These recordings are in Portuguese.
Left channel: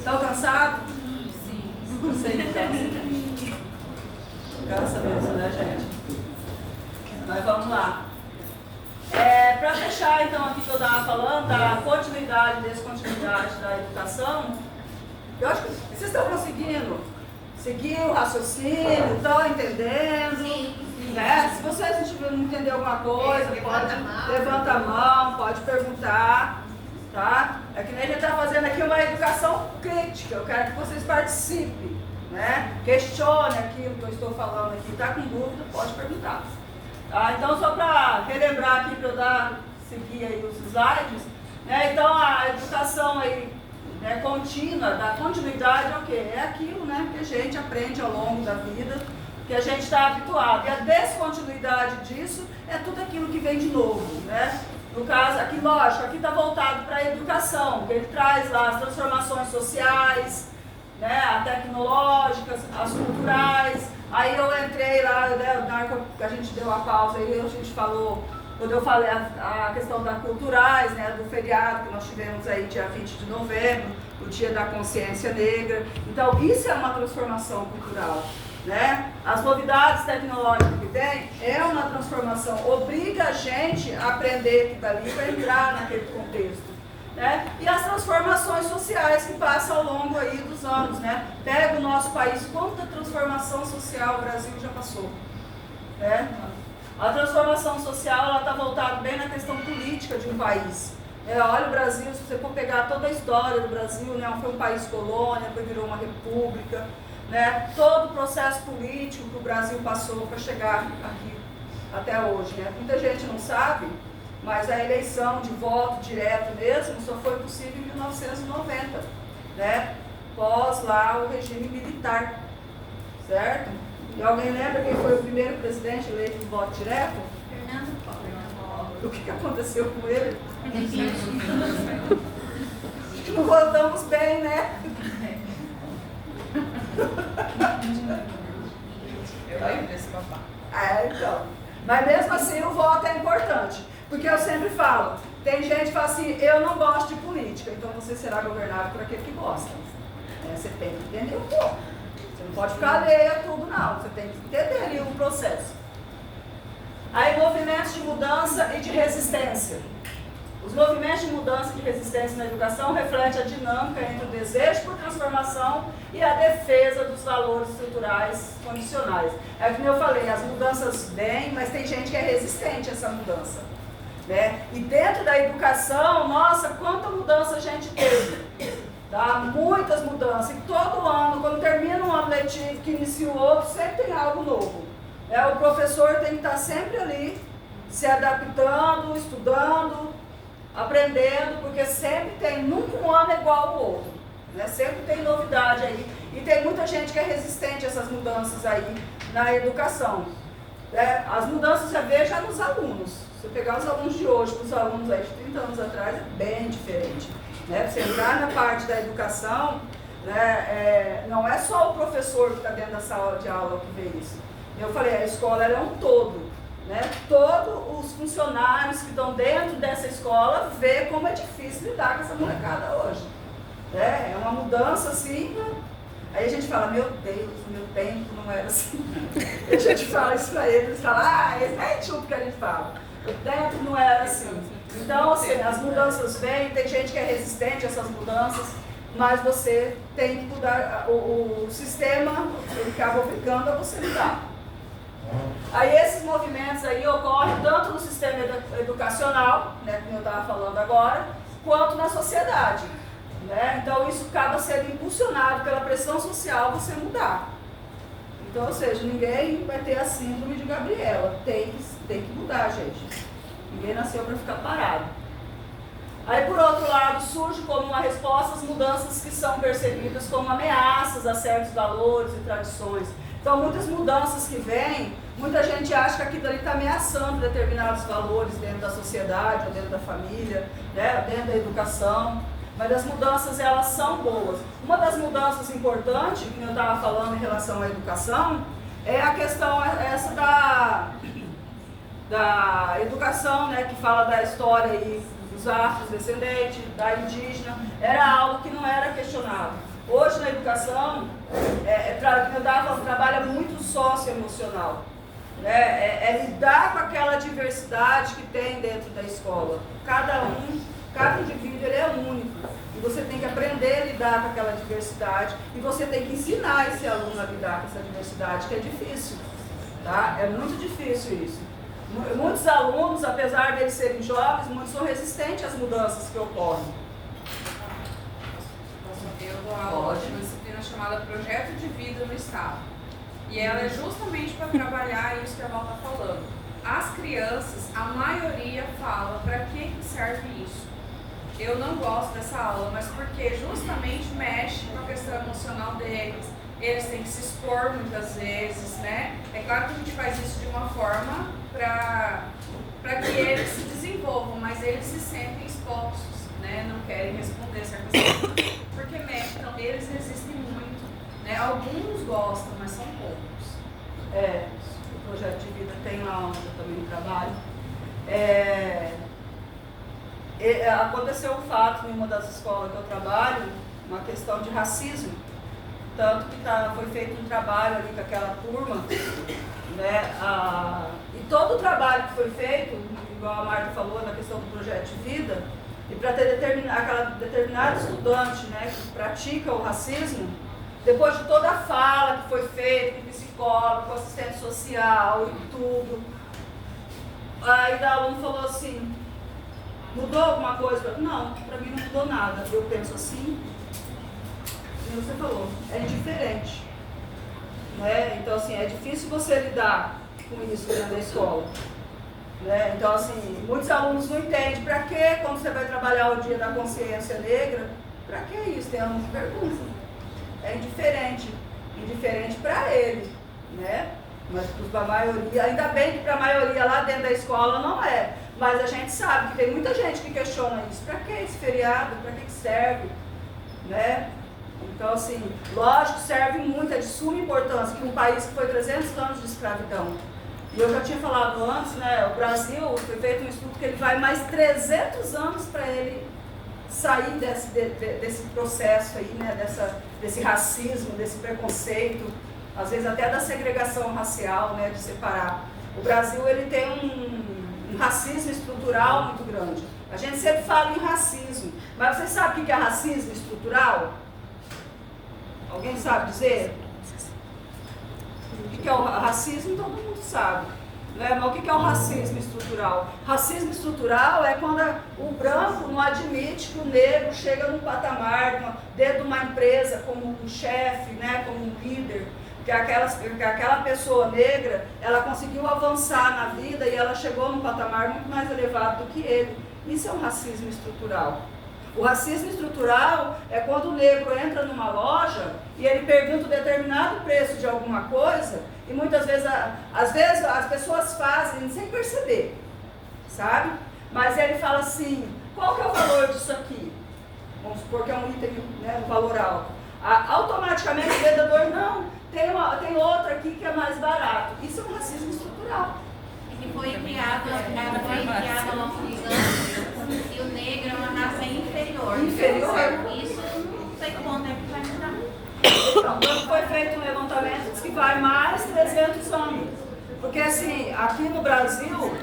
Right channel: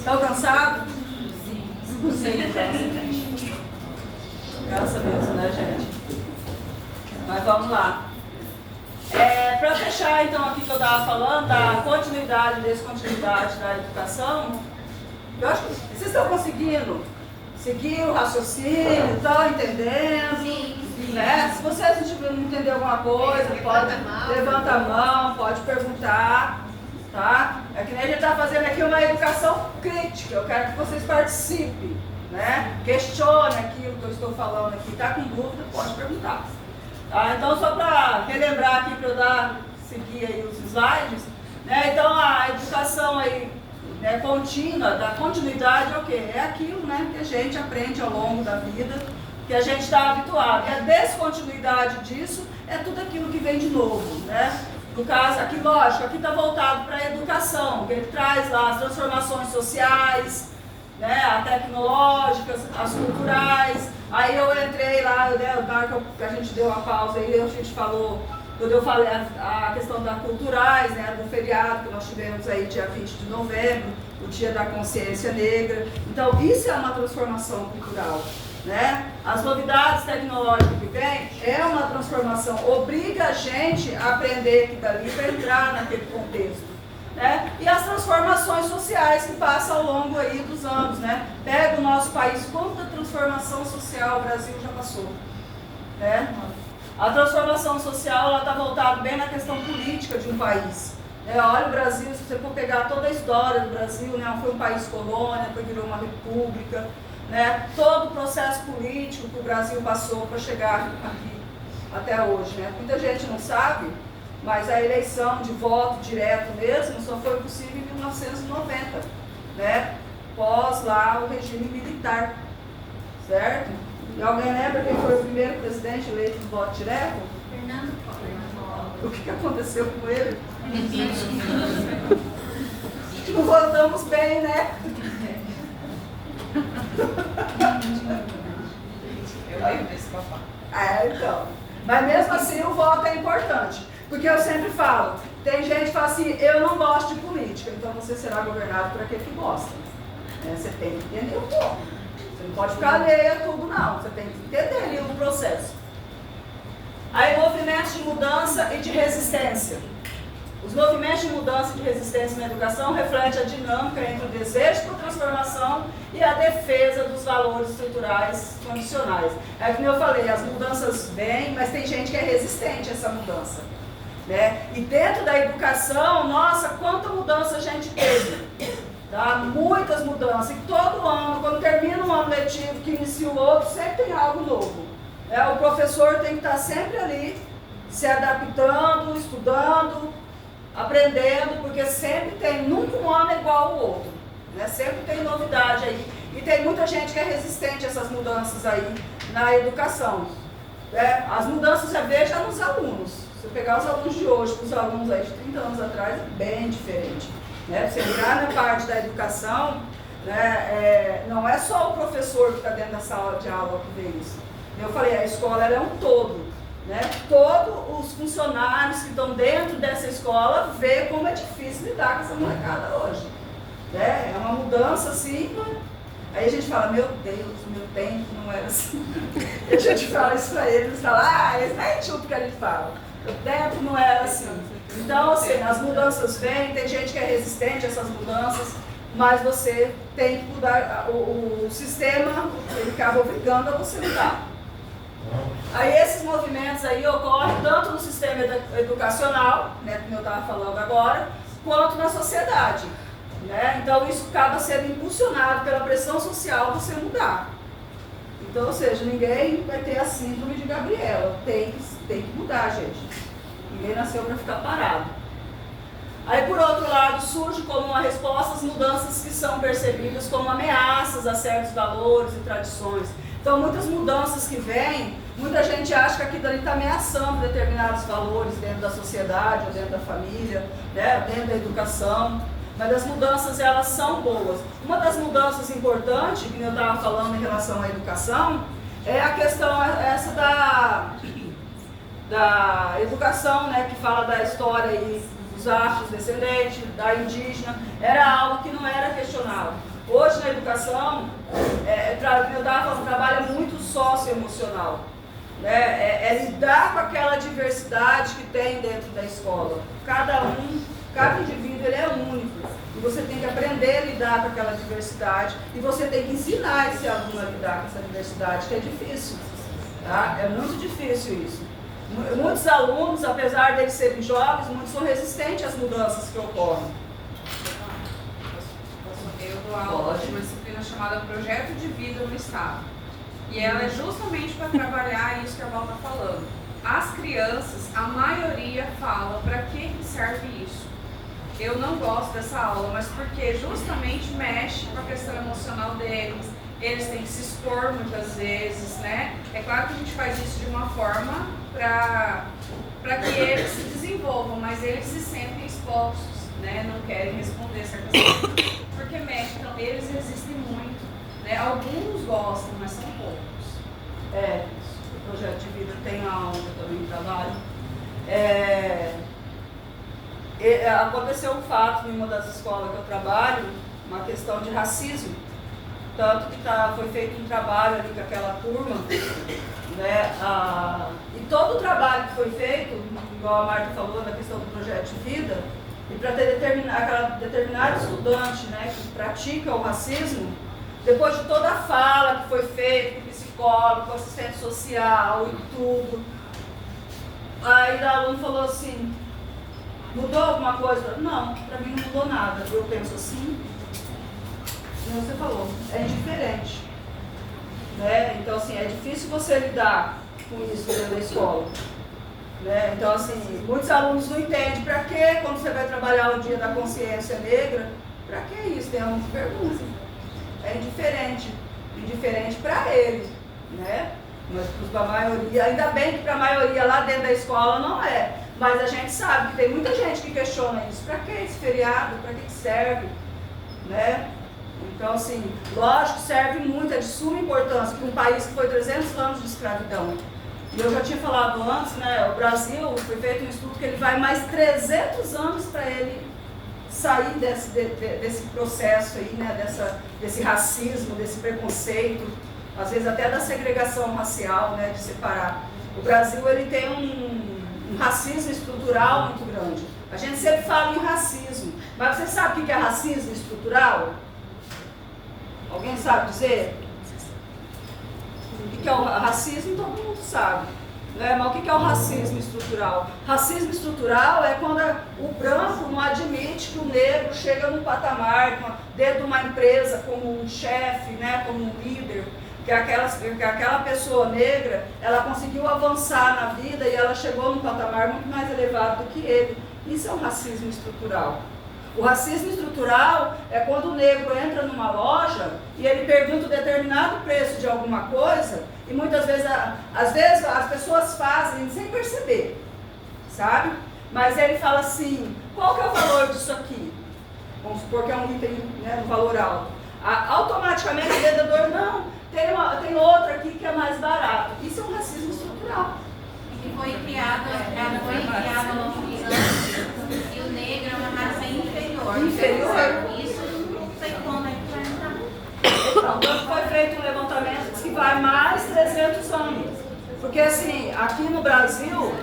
Estão cansados? Sim. Eu sei que cansa. Cansa mesmo, né, gente? Mas vamos lá. Para fechar, então, aqui que eu estava falando, da continuidade, descontinuidade da educação, eu acho que vocês estão conseguindo seguir o raciocínio, estão entendendo? Sim. Né? Se vocês não entenderem alguma coisa, levanta a mão, pode perguntar, tá? É que nem a gente está fazendo aqui uma educação crítica, eu quero que vocês participem, né? Questione aquilo que eu estou falando aqui, está com dúvida, pode perguntar. Tá? Então, só para relembrar aqui, para eu seguir aí os slides, né? Então, a educação aí, né, contínua, da continuidade é o quê? É aquilo, né, que a gente aprende ao longo da vida, que a gente está habituado. E a descontinuidade disso é tudo aquilo que vem de novo, né? No caso, aqui, lógico, aqui está voltado para a educação, que ele traz lá as transformações sociais, né, as tecnológicas, as culturais. Aí eu entrei lá, né, na hora que a gente deu a pausa, aí a gente falou, quando eu falei a questão das culturais, né, do feriado que nós tivemos aí dia 20 de novembro, o Dia da Consciência Negra. Então, isso é uma transformação cultural, né? As novidades tecnológicas que vem é uma transformação, obriga a gente a aprender que dali para entrar naquele contexto. Né? E as transformações sociais que passam ao longo aí dos anos, né? Pega o nosso país, quanta transformação social o Brasil já passou, né? A transformação social está voltada bem na questão política de um país. Olha o Brasil, se você for pegar toda a história do Brasil, né? Foi um país colônia, depois virou uma república, né? Todo o processo político que o Brasil passou para chegar aqui até hoje, né? Muita gente não sabe, mas a eleição de voto direto mesmo só foi possível em 1990, né? Pós lá o regime militar, certo? E alguém lembra quem foi o primeiro presidente eleito de voto direto? Fernando Collor. O que aconteceu com ele? Não votamos bem, né? Eu lembro desse papai. Então. Mas mesmo assim o voto é importante. Porque eu sempre falo, tem gente que fala assim, eu não gosto de política, então você será governado por aquele que gosta. Você tem que entender um pouco. Você não pode ficar alheio a tudo, não. Você tem que entender ali o processo. Aí, movimentos de mudança e de resistência. Os movimentos de mudança e de resistência na educação refletem a dinâmica entre o desejo por transformação e a defesa dos valores estruturais condicionais. É como eu falei, as mudanças vêm, mas tem gente que é resistente a essa mudança. Né? E dentro da educação, nossa, quanta mudança a gente teve. Tá? Muitas mudanças. E todo ano, quando termina um ano letivo, que inicia o outro, sempre tem algo novo. O professor tem que estar sempre ali, se adaptando, estudando, aprendendo, porque sempre tem, nunca um ano é igual ao outro. Né? Sempre tem novidade aí. E tem muita gente que é resistente a essas mudanças aí na educação. As mudanças você vê já nos alunos. Se você pegar os alunos de hoje com os alunos aí de 30 anos atrás, é bem diferente. Né? Você entrar na parte da educação, né, não é só o professor que está dentro da sala de aula que vê isso. Eu falei, a escola ela é um todo. Né? Todos os funcionários que estão dentro dessa escola vê como é difícil lidar com essa molecada hoje. Né? É uma mudança assim. Aí a gente fala, meu Deus, meu tempo não era assim. E a gente fala isso para eles falam, é tipo que a gente fala. O tempo não era assim. Então, assim, as mudanças vêm, tem gente que é resistente a essas mudanças, mas você tem que mudar, o sistema, ele acaba obrigando a você mudar. Aí esses movimentos aí ocorrem tanto no sistema educacional, né, como eu estava falando agora, quanto na sociedade. Né? Então isso acaba sendo impulsionado pela pressão social você mudar. Então, ou seja, ninguém vai ter a síndrome de Gabriela. Tem que mudar, gente. Ninguém nasceu para ficar parado. Aí, por outro lado, surge como uma resposta as mudanças que são percebidas como ameaças a certos valores e tradições. Então, muitas mudanças que vêm, muita gente acha que aquilo ali está ameaçando determinados valores dentro da sociedade, ou dentro da família, né, dentro da educação. Mas as mudanças, elas são boas. Uma das mudanças importantes, que eu estava falando em relação à educação, é a questão essa da educação, né, que fala da história aí dos afrodescendentes, da indígena. Era algo que não era questionado. Hoje na educação, eu estava falando, trabalha muito socioemocional. Né? É lidar com aquela diversidade que tem dentro da escola. Cada indivíduo ele é único. E você tem que aprender a lidar com aquela diversidade. E você tem que ensinar esse aluno a lidar com essa diversidade, que é difícil. Tá? É muito difícil isso. Muitos alunos, apesar de eles serem jovens, muitos são resistentes às mudanças que ocorrem. Eu dou aula de uma disciplina chamada Projeto de Vida no Estado. E ela é justamente para trabalhar isso que a Val está falando. As crianças, a maioria fala para que serve isso. Eu não gosto dessa aula, mas porque justamente mexe com a questão emocional deles. Eles têm que se expor muitas vezes, né? É claro que a gente faz isso de uma forma para que eles se desenvolvam, mas eles se sentem expostos, né? Não querem responder certas coisas, porque mexe. Então, eles resistem muito, né? Alguns gostam, mas são poucos. O projeto de vida tem a onde eu também trabalho. Aconteceu um fato em uma das escolas que eu trabalho, uma questão de racismo. Tanto que foi feito um trabalho ali com aquela turma, né? E todo o trabalho que foi feito, igual a Marta falou, na questão do projeto de vida, e para ter aquela determinada estudante, né, que pratica o racismo, depois de toda a fala que foi feita com o psicólogo, com o assistente social e tudo, aí o aluno falou assim, mudou alguma coisa? Não, para mim não mudou nada. Eu penso assim, como você falou, é indiferente. Né? Então, assim, é difícil você lidar com isso dentro da escola. Né? Então, assim, muitos alunos não entendem para que, quando você vai trabalhar o Dia da Consciência Negra, para que isso? Tem alunos que perguntam. É indiferente para ele, né? Mas para a maioria, ainda bem que para a maioria lá dentro da escola não é. Mas a gente sabe que tem muita gente que questiona isso. Para que esse feriado? Para que serve? Né? Então, assim, lógico, serve muito, é de suma importância para um país que foi 300 anos de escravidão. E eu já tinha falado antes, né, o Brasil, foi feito um estudo que ele vai mais 300 anos para ele sair desse processo aí, né, desse racismo, desse preconceito, às vezes até da segregação racial, né, de separar. O Brasil, ele tem um racismo estrutural muito grande. A gente sempre fala em racismo, mas você sabe o que é racismo estrutural? Alguém sabe dizer? O que é o racismo? Todo mundo sabe. Né? Mas o que é o racismo estrutural? Racismo estrutural é quando o branco não admite que o negro chega num patamar, dentro de uma empresa, como um chefe, né? Como um líder, que aquela pessoa negra, ela conseguiu avançar na vida e ela chegou num patamar muito mais elevado do que ele. Isso é um racismo estrutural. O racismo estrutural é quando o negro entra numa loja e ele pergunta um determinado preço de alguma coisa e muitas vezes, às vezes as pessoas fazem sem perceber, sabe? Mas ele fala assim, qual que é o valor disso aqui? Vamos supor que é um item, né, um valor alto. Automaticamente o vendedor, não, tem outro aqui que é mais barato. Isso é um racismo estrutural. Que foi criado há muitos anos e o negro é uma raça inferior. Isso não sei como é que vai dar. Então, foi feito um levantamento que vai mais 300 anos. Porque assim, aqui no Brasil,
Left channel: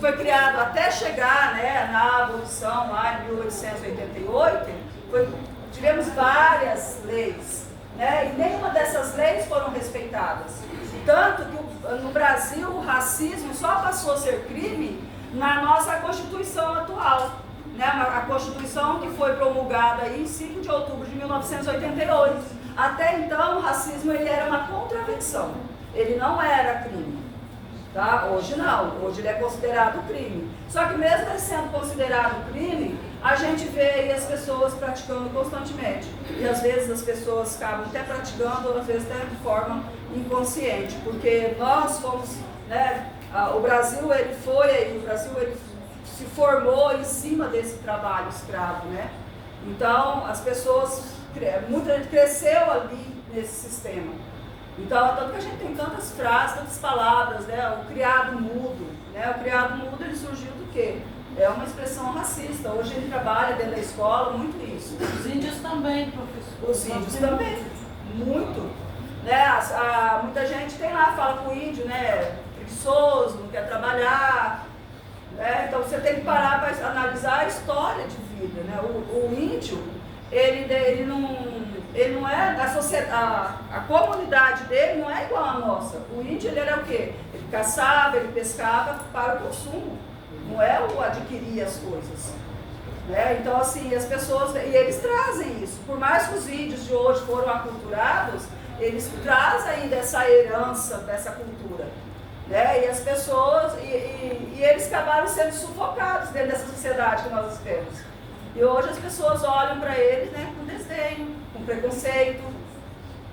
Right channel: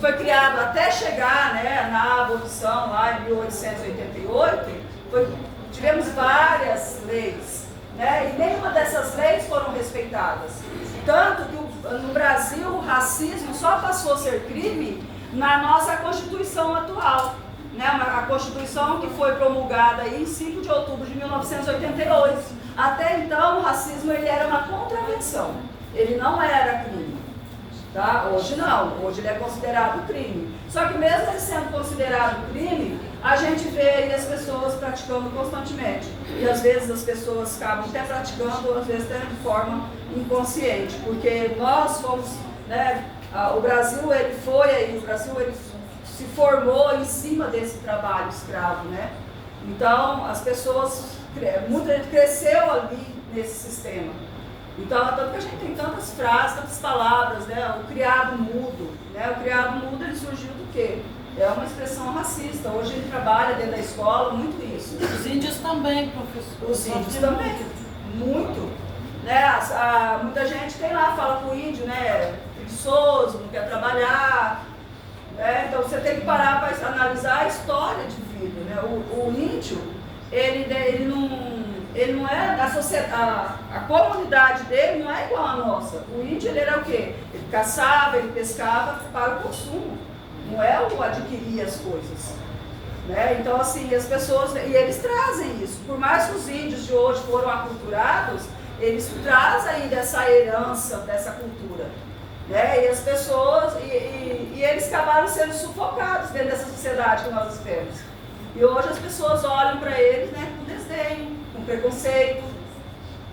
foi criado até chegar, né, na abolição lá em 1888, tivemos várias leis, né, e nenhuma dessas leis foram respeitadas. Tanto que no Brasil o racismo só passou a ser crime na nossa Constituição atual. Né? A Constituição que foi promulgada em 5 de outubro de 1988. Até então o racismo ele era uma contravenção, ele não era crime. Tá? Hoje não, hoje ele é considerado crime. Só que mesmo ele sendo considerado crime, a gente vê aí as pessoas praticando constantemente. E às vezes as pessoas acabam até praticando, às vezes até de forma inconsciente. Porque nós fomos, né, o Brasil ele se formou em cima desse trabalho escravo, né? Então as pessoas, muita gente cresceu ali nesse sistema. Então, tanto que a gente tem tantas frases, tantas palavras, né? O criado mudo, né? O criado mudo ele surgiu do quê? é uma expressão racista. Hoje ele trabalha dentro da escola muito isso. Os índios também, professor. Os índios também, muito. Né? Muita gente tem lá, fala com o índio, né? Preguiçoso, não quer trabalhar. Né? Então você tem que parar para analisar a história de vida. Né? O índio, ele não é da sociedade, a comunidade dele não é igual à nossa. O índio ele era o quê? Ele caçava, ele pescava para o consumo, não é o adquirir as coisas. Né? Então assim, as pessoas, e eles trazem isso, por mais que os índios de hoje foram aculturados, eles trazem ainda essa herança dessa cultura. Né? E as pessoas, e eles acabaram sendo sufocados dentro dessa sociedade que nós vivemos. E hoje as pessoas olham para eles, né, com desdém, com preconceito.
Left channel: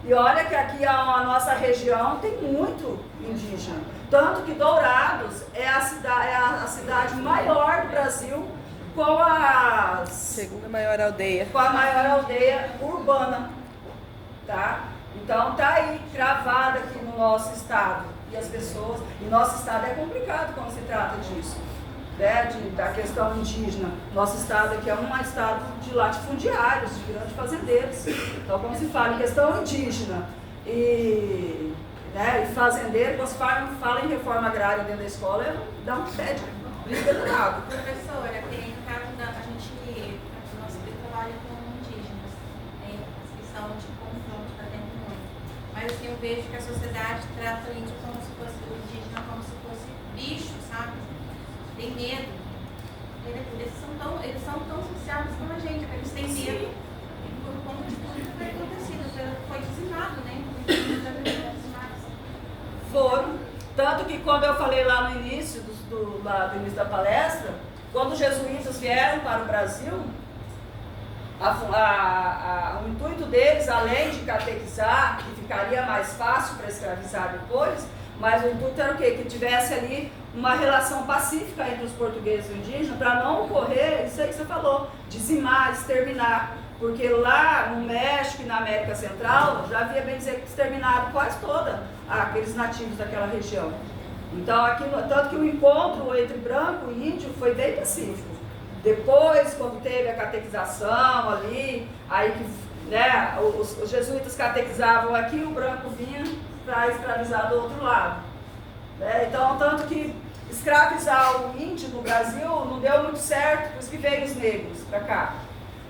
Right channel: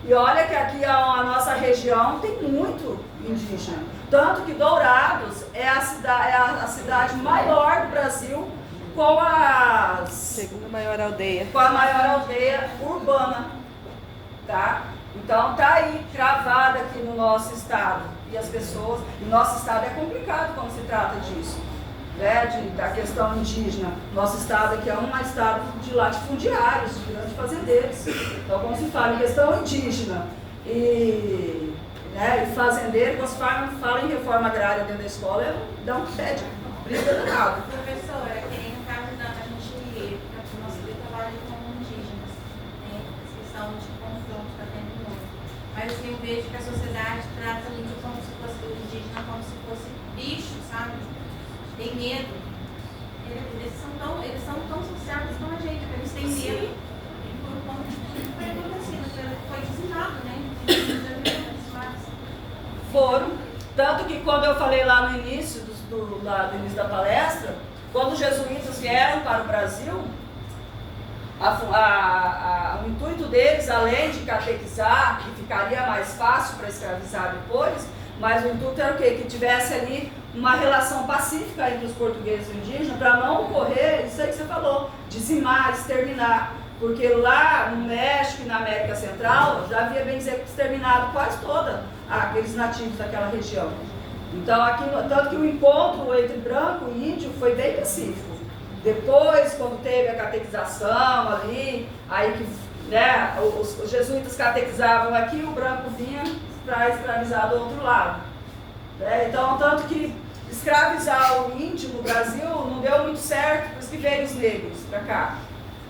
E olha que aqui a nossa região tem muito indígena. Tanto que Dourados é a cidade maior do Brasil com a segunda maior aldeia. Com a maior aldeia urbana. Tá? Então tá aí, travada aqui no nosso estado. E as pessoas, e nosso estado é complicado quando se trata disso. Né, da questão indígena. Nosso estado aqui é um estado de latifundiários, de grandes fazendeiros. Então, quando se fala em questão indígena e fazendeiro, quando se fala em reforma agrária dentro da escola, dá um pé de briga danado. Professora, tem no caso a gente, o nosso trabalho com indígenas, tem a questão de confronto para dentro do mundo. Mas assim, eu vejo que a sociedade trata o índio como se fosse, o indígena como se fosse bicho, sabe? Tem medo. Eles são tão sociáveis como a gente, eles têm medo. Por conta de tudo que foi acontecido, foi dizimado, né? Foram. Tanto que quando eu falei lá no início, do início da palestra, quando os jesuítas vieram para o Brasil, o intuito deles, além de catequizar, que ficaria mais fácil para escravizar depois, mas o intuito era o quê? Que tivesse ali uma relação pacífica entre os portugueses e os indígenas, para não ocorrer, isso aí que você falou, dizimar, exterminar. Porque lá no México e na América Central, já havia, bem dizer, exterminado quase toda aqueles nativos daquela região. Então, tanto que o encontro entre branco e índio foi bem pacífico. Depois, quando teve a catequização ali, aí que, né, os jesuítas catequizavam aqui, o branco vinha para escravizar do outro lado. Né? Então, tanto que escravizar o índio no Brasil não deu muito certo, por isso que veio os negros para cá.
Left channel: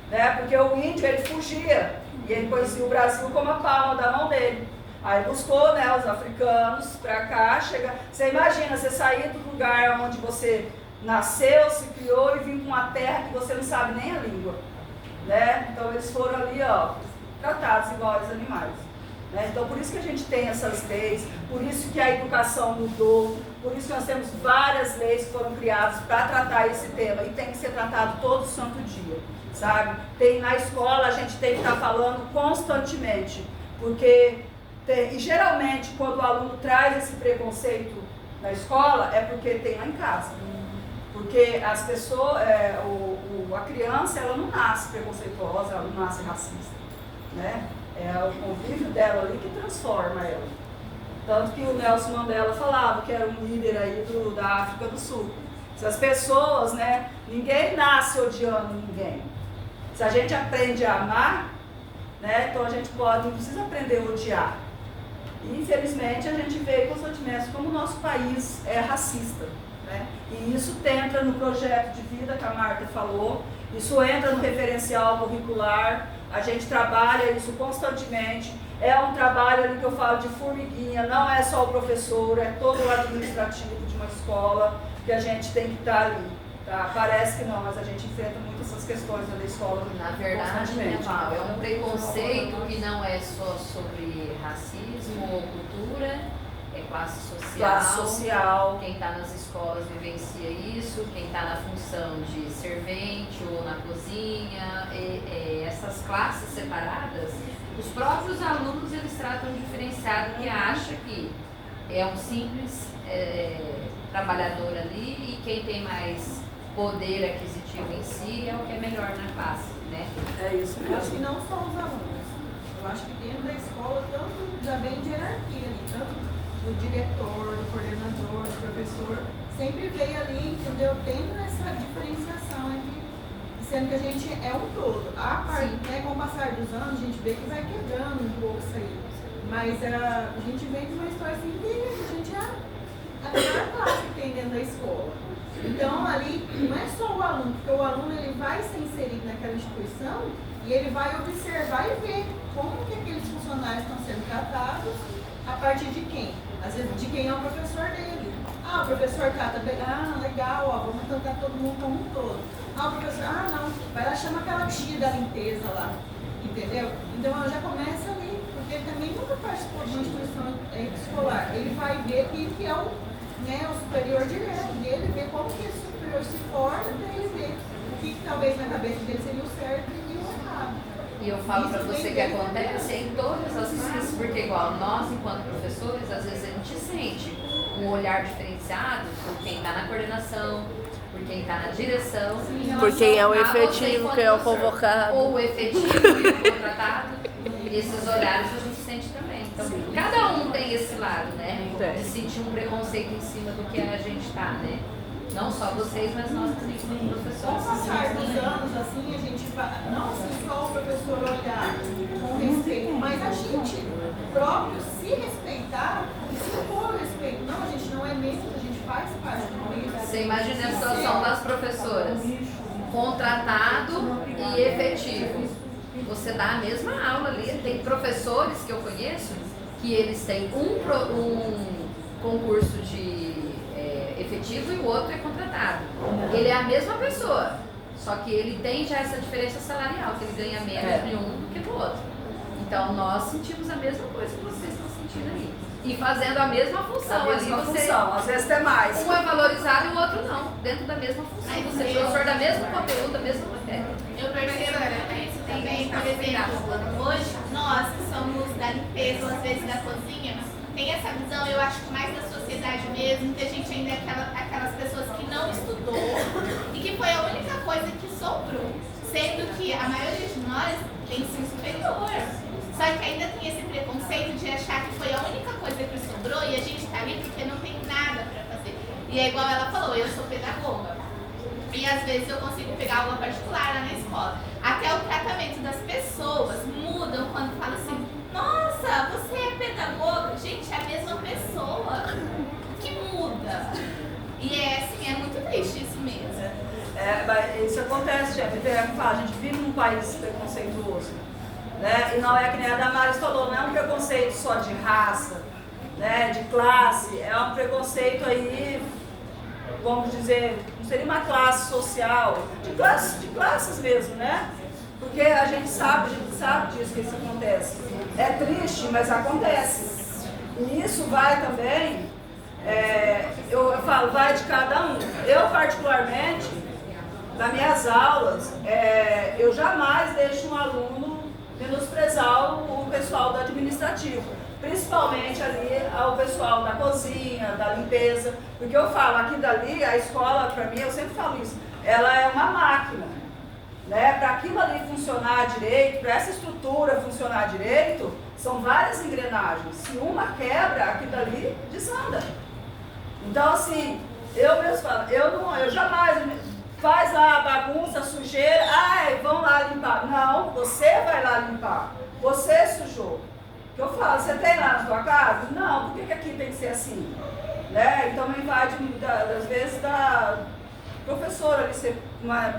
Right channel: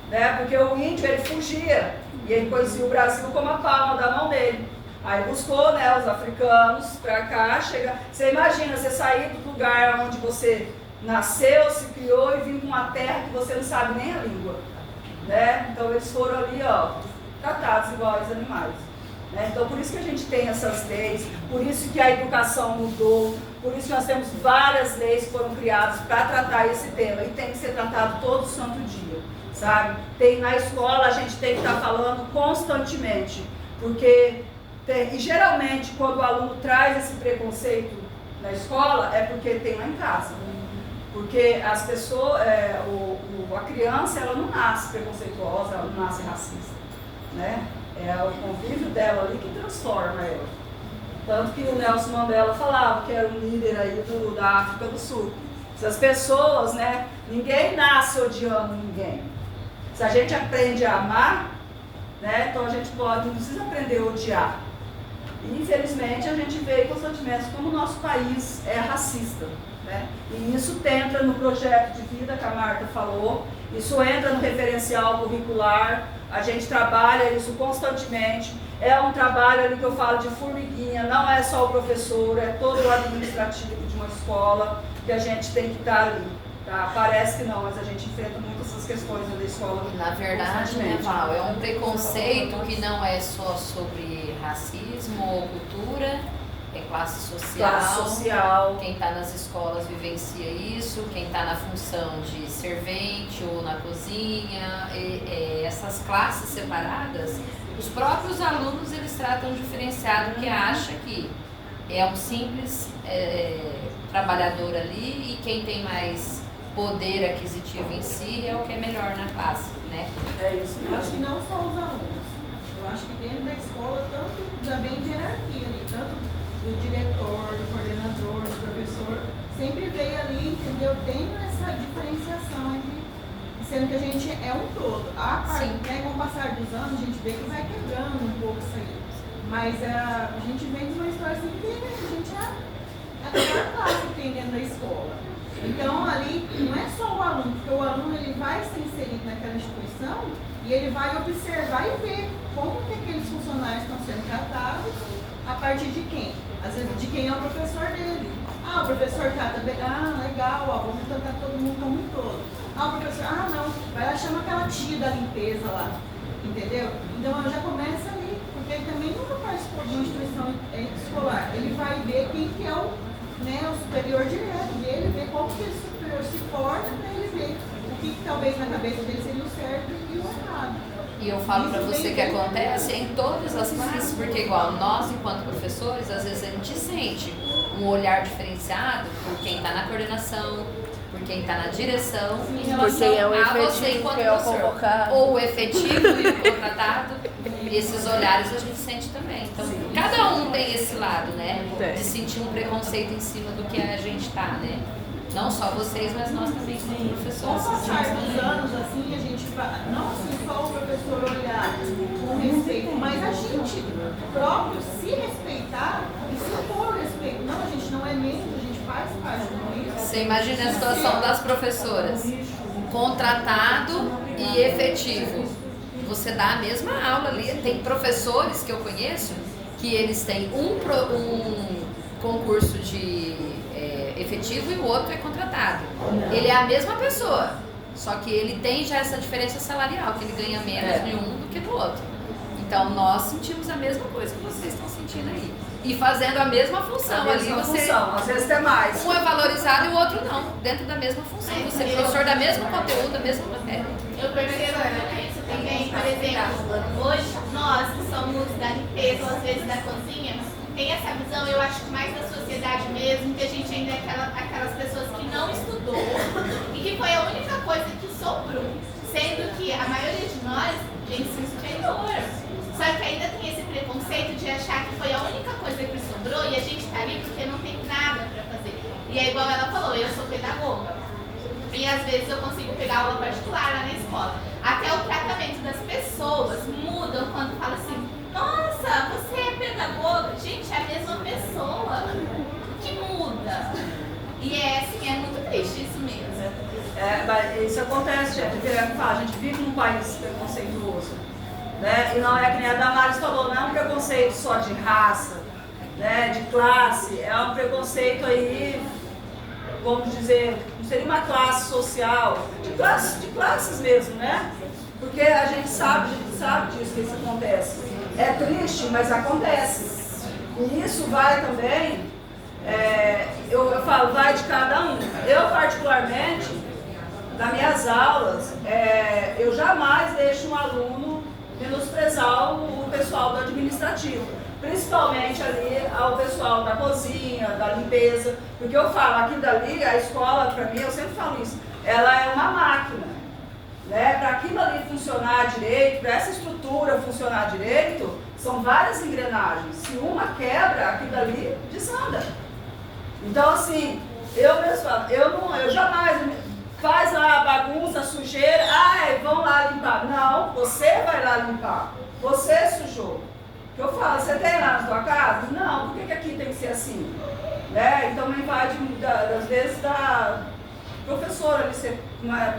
Né? Porque o índio, ele fugia, e ele depois viu o Brasil como a palma da mão dele. Aí buscou, né, os africanos para cá, você imagina, você sair do lugar onde você nasceu, se criou e vir com uma terra que você não sabe nem a língua. Né? Então eles foram ali, ó, tratados igual aos animais. Né? Então por isso que a gente tem essas leis, por isso que a educação mudou, por isso que nós temos várias leis que foram criadas para tratar esse tema e tem que ser tratado todo santo dia, sabe? Na escola a gente tem que estar falando constantemente, porque e geralmente quando o aluno traz esse preconceito na escola é porque tem lá em casa. Porque as pessoas, a criança, ela não nasce preconceituosa, ela não nasce racista, né? É o convívio dela ali que transforma ela. Tanto que o Nelson Mandela falava que era um líder aí da África do Sul. Essas pessoas, né? Ninguém nasce odiando ninguém. Se a gente aprende a amar, né? Então a gente não precisa aprender a odiar. E, infelizmente, a gente vê constantemente como o nosso país é racista. Né? E isso entra no projeto de vida que a Marta falou, isso entra no referencial curricular, a gente trabalha isso constantemente, é um trabalho ali que eu falo de formiguinha, não é só o professor, é todo o administrativo de uma escola que a gente tem que estar ali. Tá? Parece que não, mas a gente enfrenta muito essas questões da escola. Na verdade, é um preconceito que não é só sobre racismo ou cultura, é classe social. Classe social. Quem está nas escolas vivencia isso, quem está na função de servente ou na cozinha, essas classes separadas, os próprios alunos eles tratam diferenciado, que acha que é um simples trabalhador ali e quem tem mais poder aquisitivo em si é o que é melhor na classe, né? É isso Eu acho que mesmo. não só os alunos. Eu acho que dentro da escola, já vem de hierarquia ali, tanto do diretor, do coordenador, do professor, sempre veio ali, entendeu? Tendo essa essa diferenciação sendo que a gente é um todo. A parte, né, com o passar dos anos, a gente vê que vai quebrando um pouco isso aí. Mas a gente vem de uma história assim que a gente é a melhor classe que tem dentro da escola. Então, ali, não é só o aluno, porque o aluno ele vai ser inserido naquela instituição e ele vai observar e ver como que aqueles funcionários estão sendo tratados a partir de quem? Às vezes, de quem é o professor dele. Ah, o professor trata bem, legal, ó, vamos tratar todo mundo como um todo. Ah, o professor, não, vai lá, chama aquela tia da limpeza lá, entendeu? Então, já começa ali, porque ele também nunca participou de uma instituição escolar. Ele vai ver quem que é o superior direto dele, ver como que esse superior se porta para ele ver o que talvez na cabeça dele seria o certo e o errado. E eu falo para você que acontece em todas as classes, porque igual nós, enquanto professores, às vezes a gente sente um olhar diferenciado por quem está na coordenação, por quem está na direção, Por quem é o a você efetivo, enquanto quem é o professor. convocado. Ou o efetivo e o contratado, e esses olhares a gente sente também. Então, cada um tem esse lado, né? De sentir um preconceito em cima do que a gente está, né? Não só vocês, mas nós também, como professores. Com o passar dos anos, assim, a gente vai, não assim só o professor olhar com respeito, mas a gente próprio se respeitar e se impor respeito. Não, a gente não é menos, a gente faz parte do meio. Você imagina a situação das professoras, contratado e efetivo. Você dá a mesma aula ali. Tem professores que eu conheço que eles têm um concurso de efetivo e o outro é contratado. Ele é a mesma pessoa, só que ele tem já essa diferença salarial, que ele ganha menos de um do que do outro. Então nós sentimos a mesma coisa que vocês estão sentindo aí. E fazendo a mesma função. A mesma ali você, função, às vezes até mais. um é valorizado e o outro não, dentro da mesma função. Você é professor da mesma conteúdo, da mesma matéria. Eu percebo isso também, por exemplo, hoje nós que somos da limpeza ou às vezes da cozinha, tem essa visão, eu acho que mais da sociedade mesmo, que a gente ainda é aquelas pessoas que não estudou e que foi a única coisa que sobrou, sendo que a maioria de nós tem ensino superior. Só que ainda tem esse preconceito de achar que foi a única coisa que sobrou e a gente tá ali porque não tem nada para fazer. E é igual ela falou, eu sou pedagoga. E às vezes eu consigo pegar aula particular lá na escola. Até o tratamento das pessoas mudam quando fala assim, nossa, você é pedagoga? Gente, é a mesma pessoa. O que muda? E assim, é muito triste isso mesmo. Mas isso acontece, gente. A gente vive num país preconceituoso. Né? E não é que nem a Damares falou, não é um preconceito só de raça, né? De classe, é um preconceito aí, vamos dizer, não seria uma classe social, de classes mesmo, né? Porque a gente sabe disso que isso acontece. É triste, mas acontece. E isso vai também, eu falo, vai de cada um. Eu particularmente, nas minhas aulas, eu jamais deixo um aluno menosprezar o pessoal do administrativo, principalmente ali ao pessoal da cozinha, da limpeza, porque eu falo, aqui dali, a escola, para mim, eu sempre falo isso, ela é uma máquina, né? Para aquilo ali funcionar direito, para essa estrutura funcionar direito, são várias engrenagens, se uma quebra, aquilo dali desanda. Então, assim, eu mesmo falo, eu jamais... Faz lá a bagunça, a sujeira, vão lá limpar. Não, você vai lá limpar. Você sujou. O que eu falo, você tem lá na sua casa? Não, por que aqui tem que ser assim? Né? Então não vai, às vezes, da professora ali ser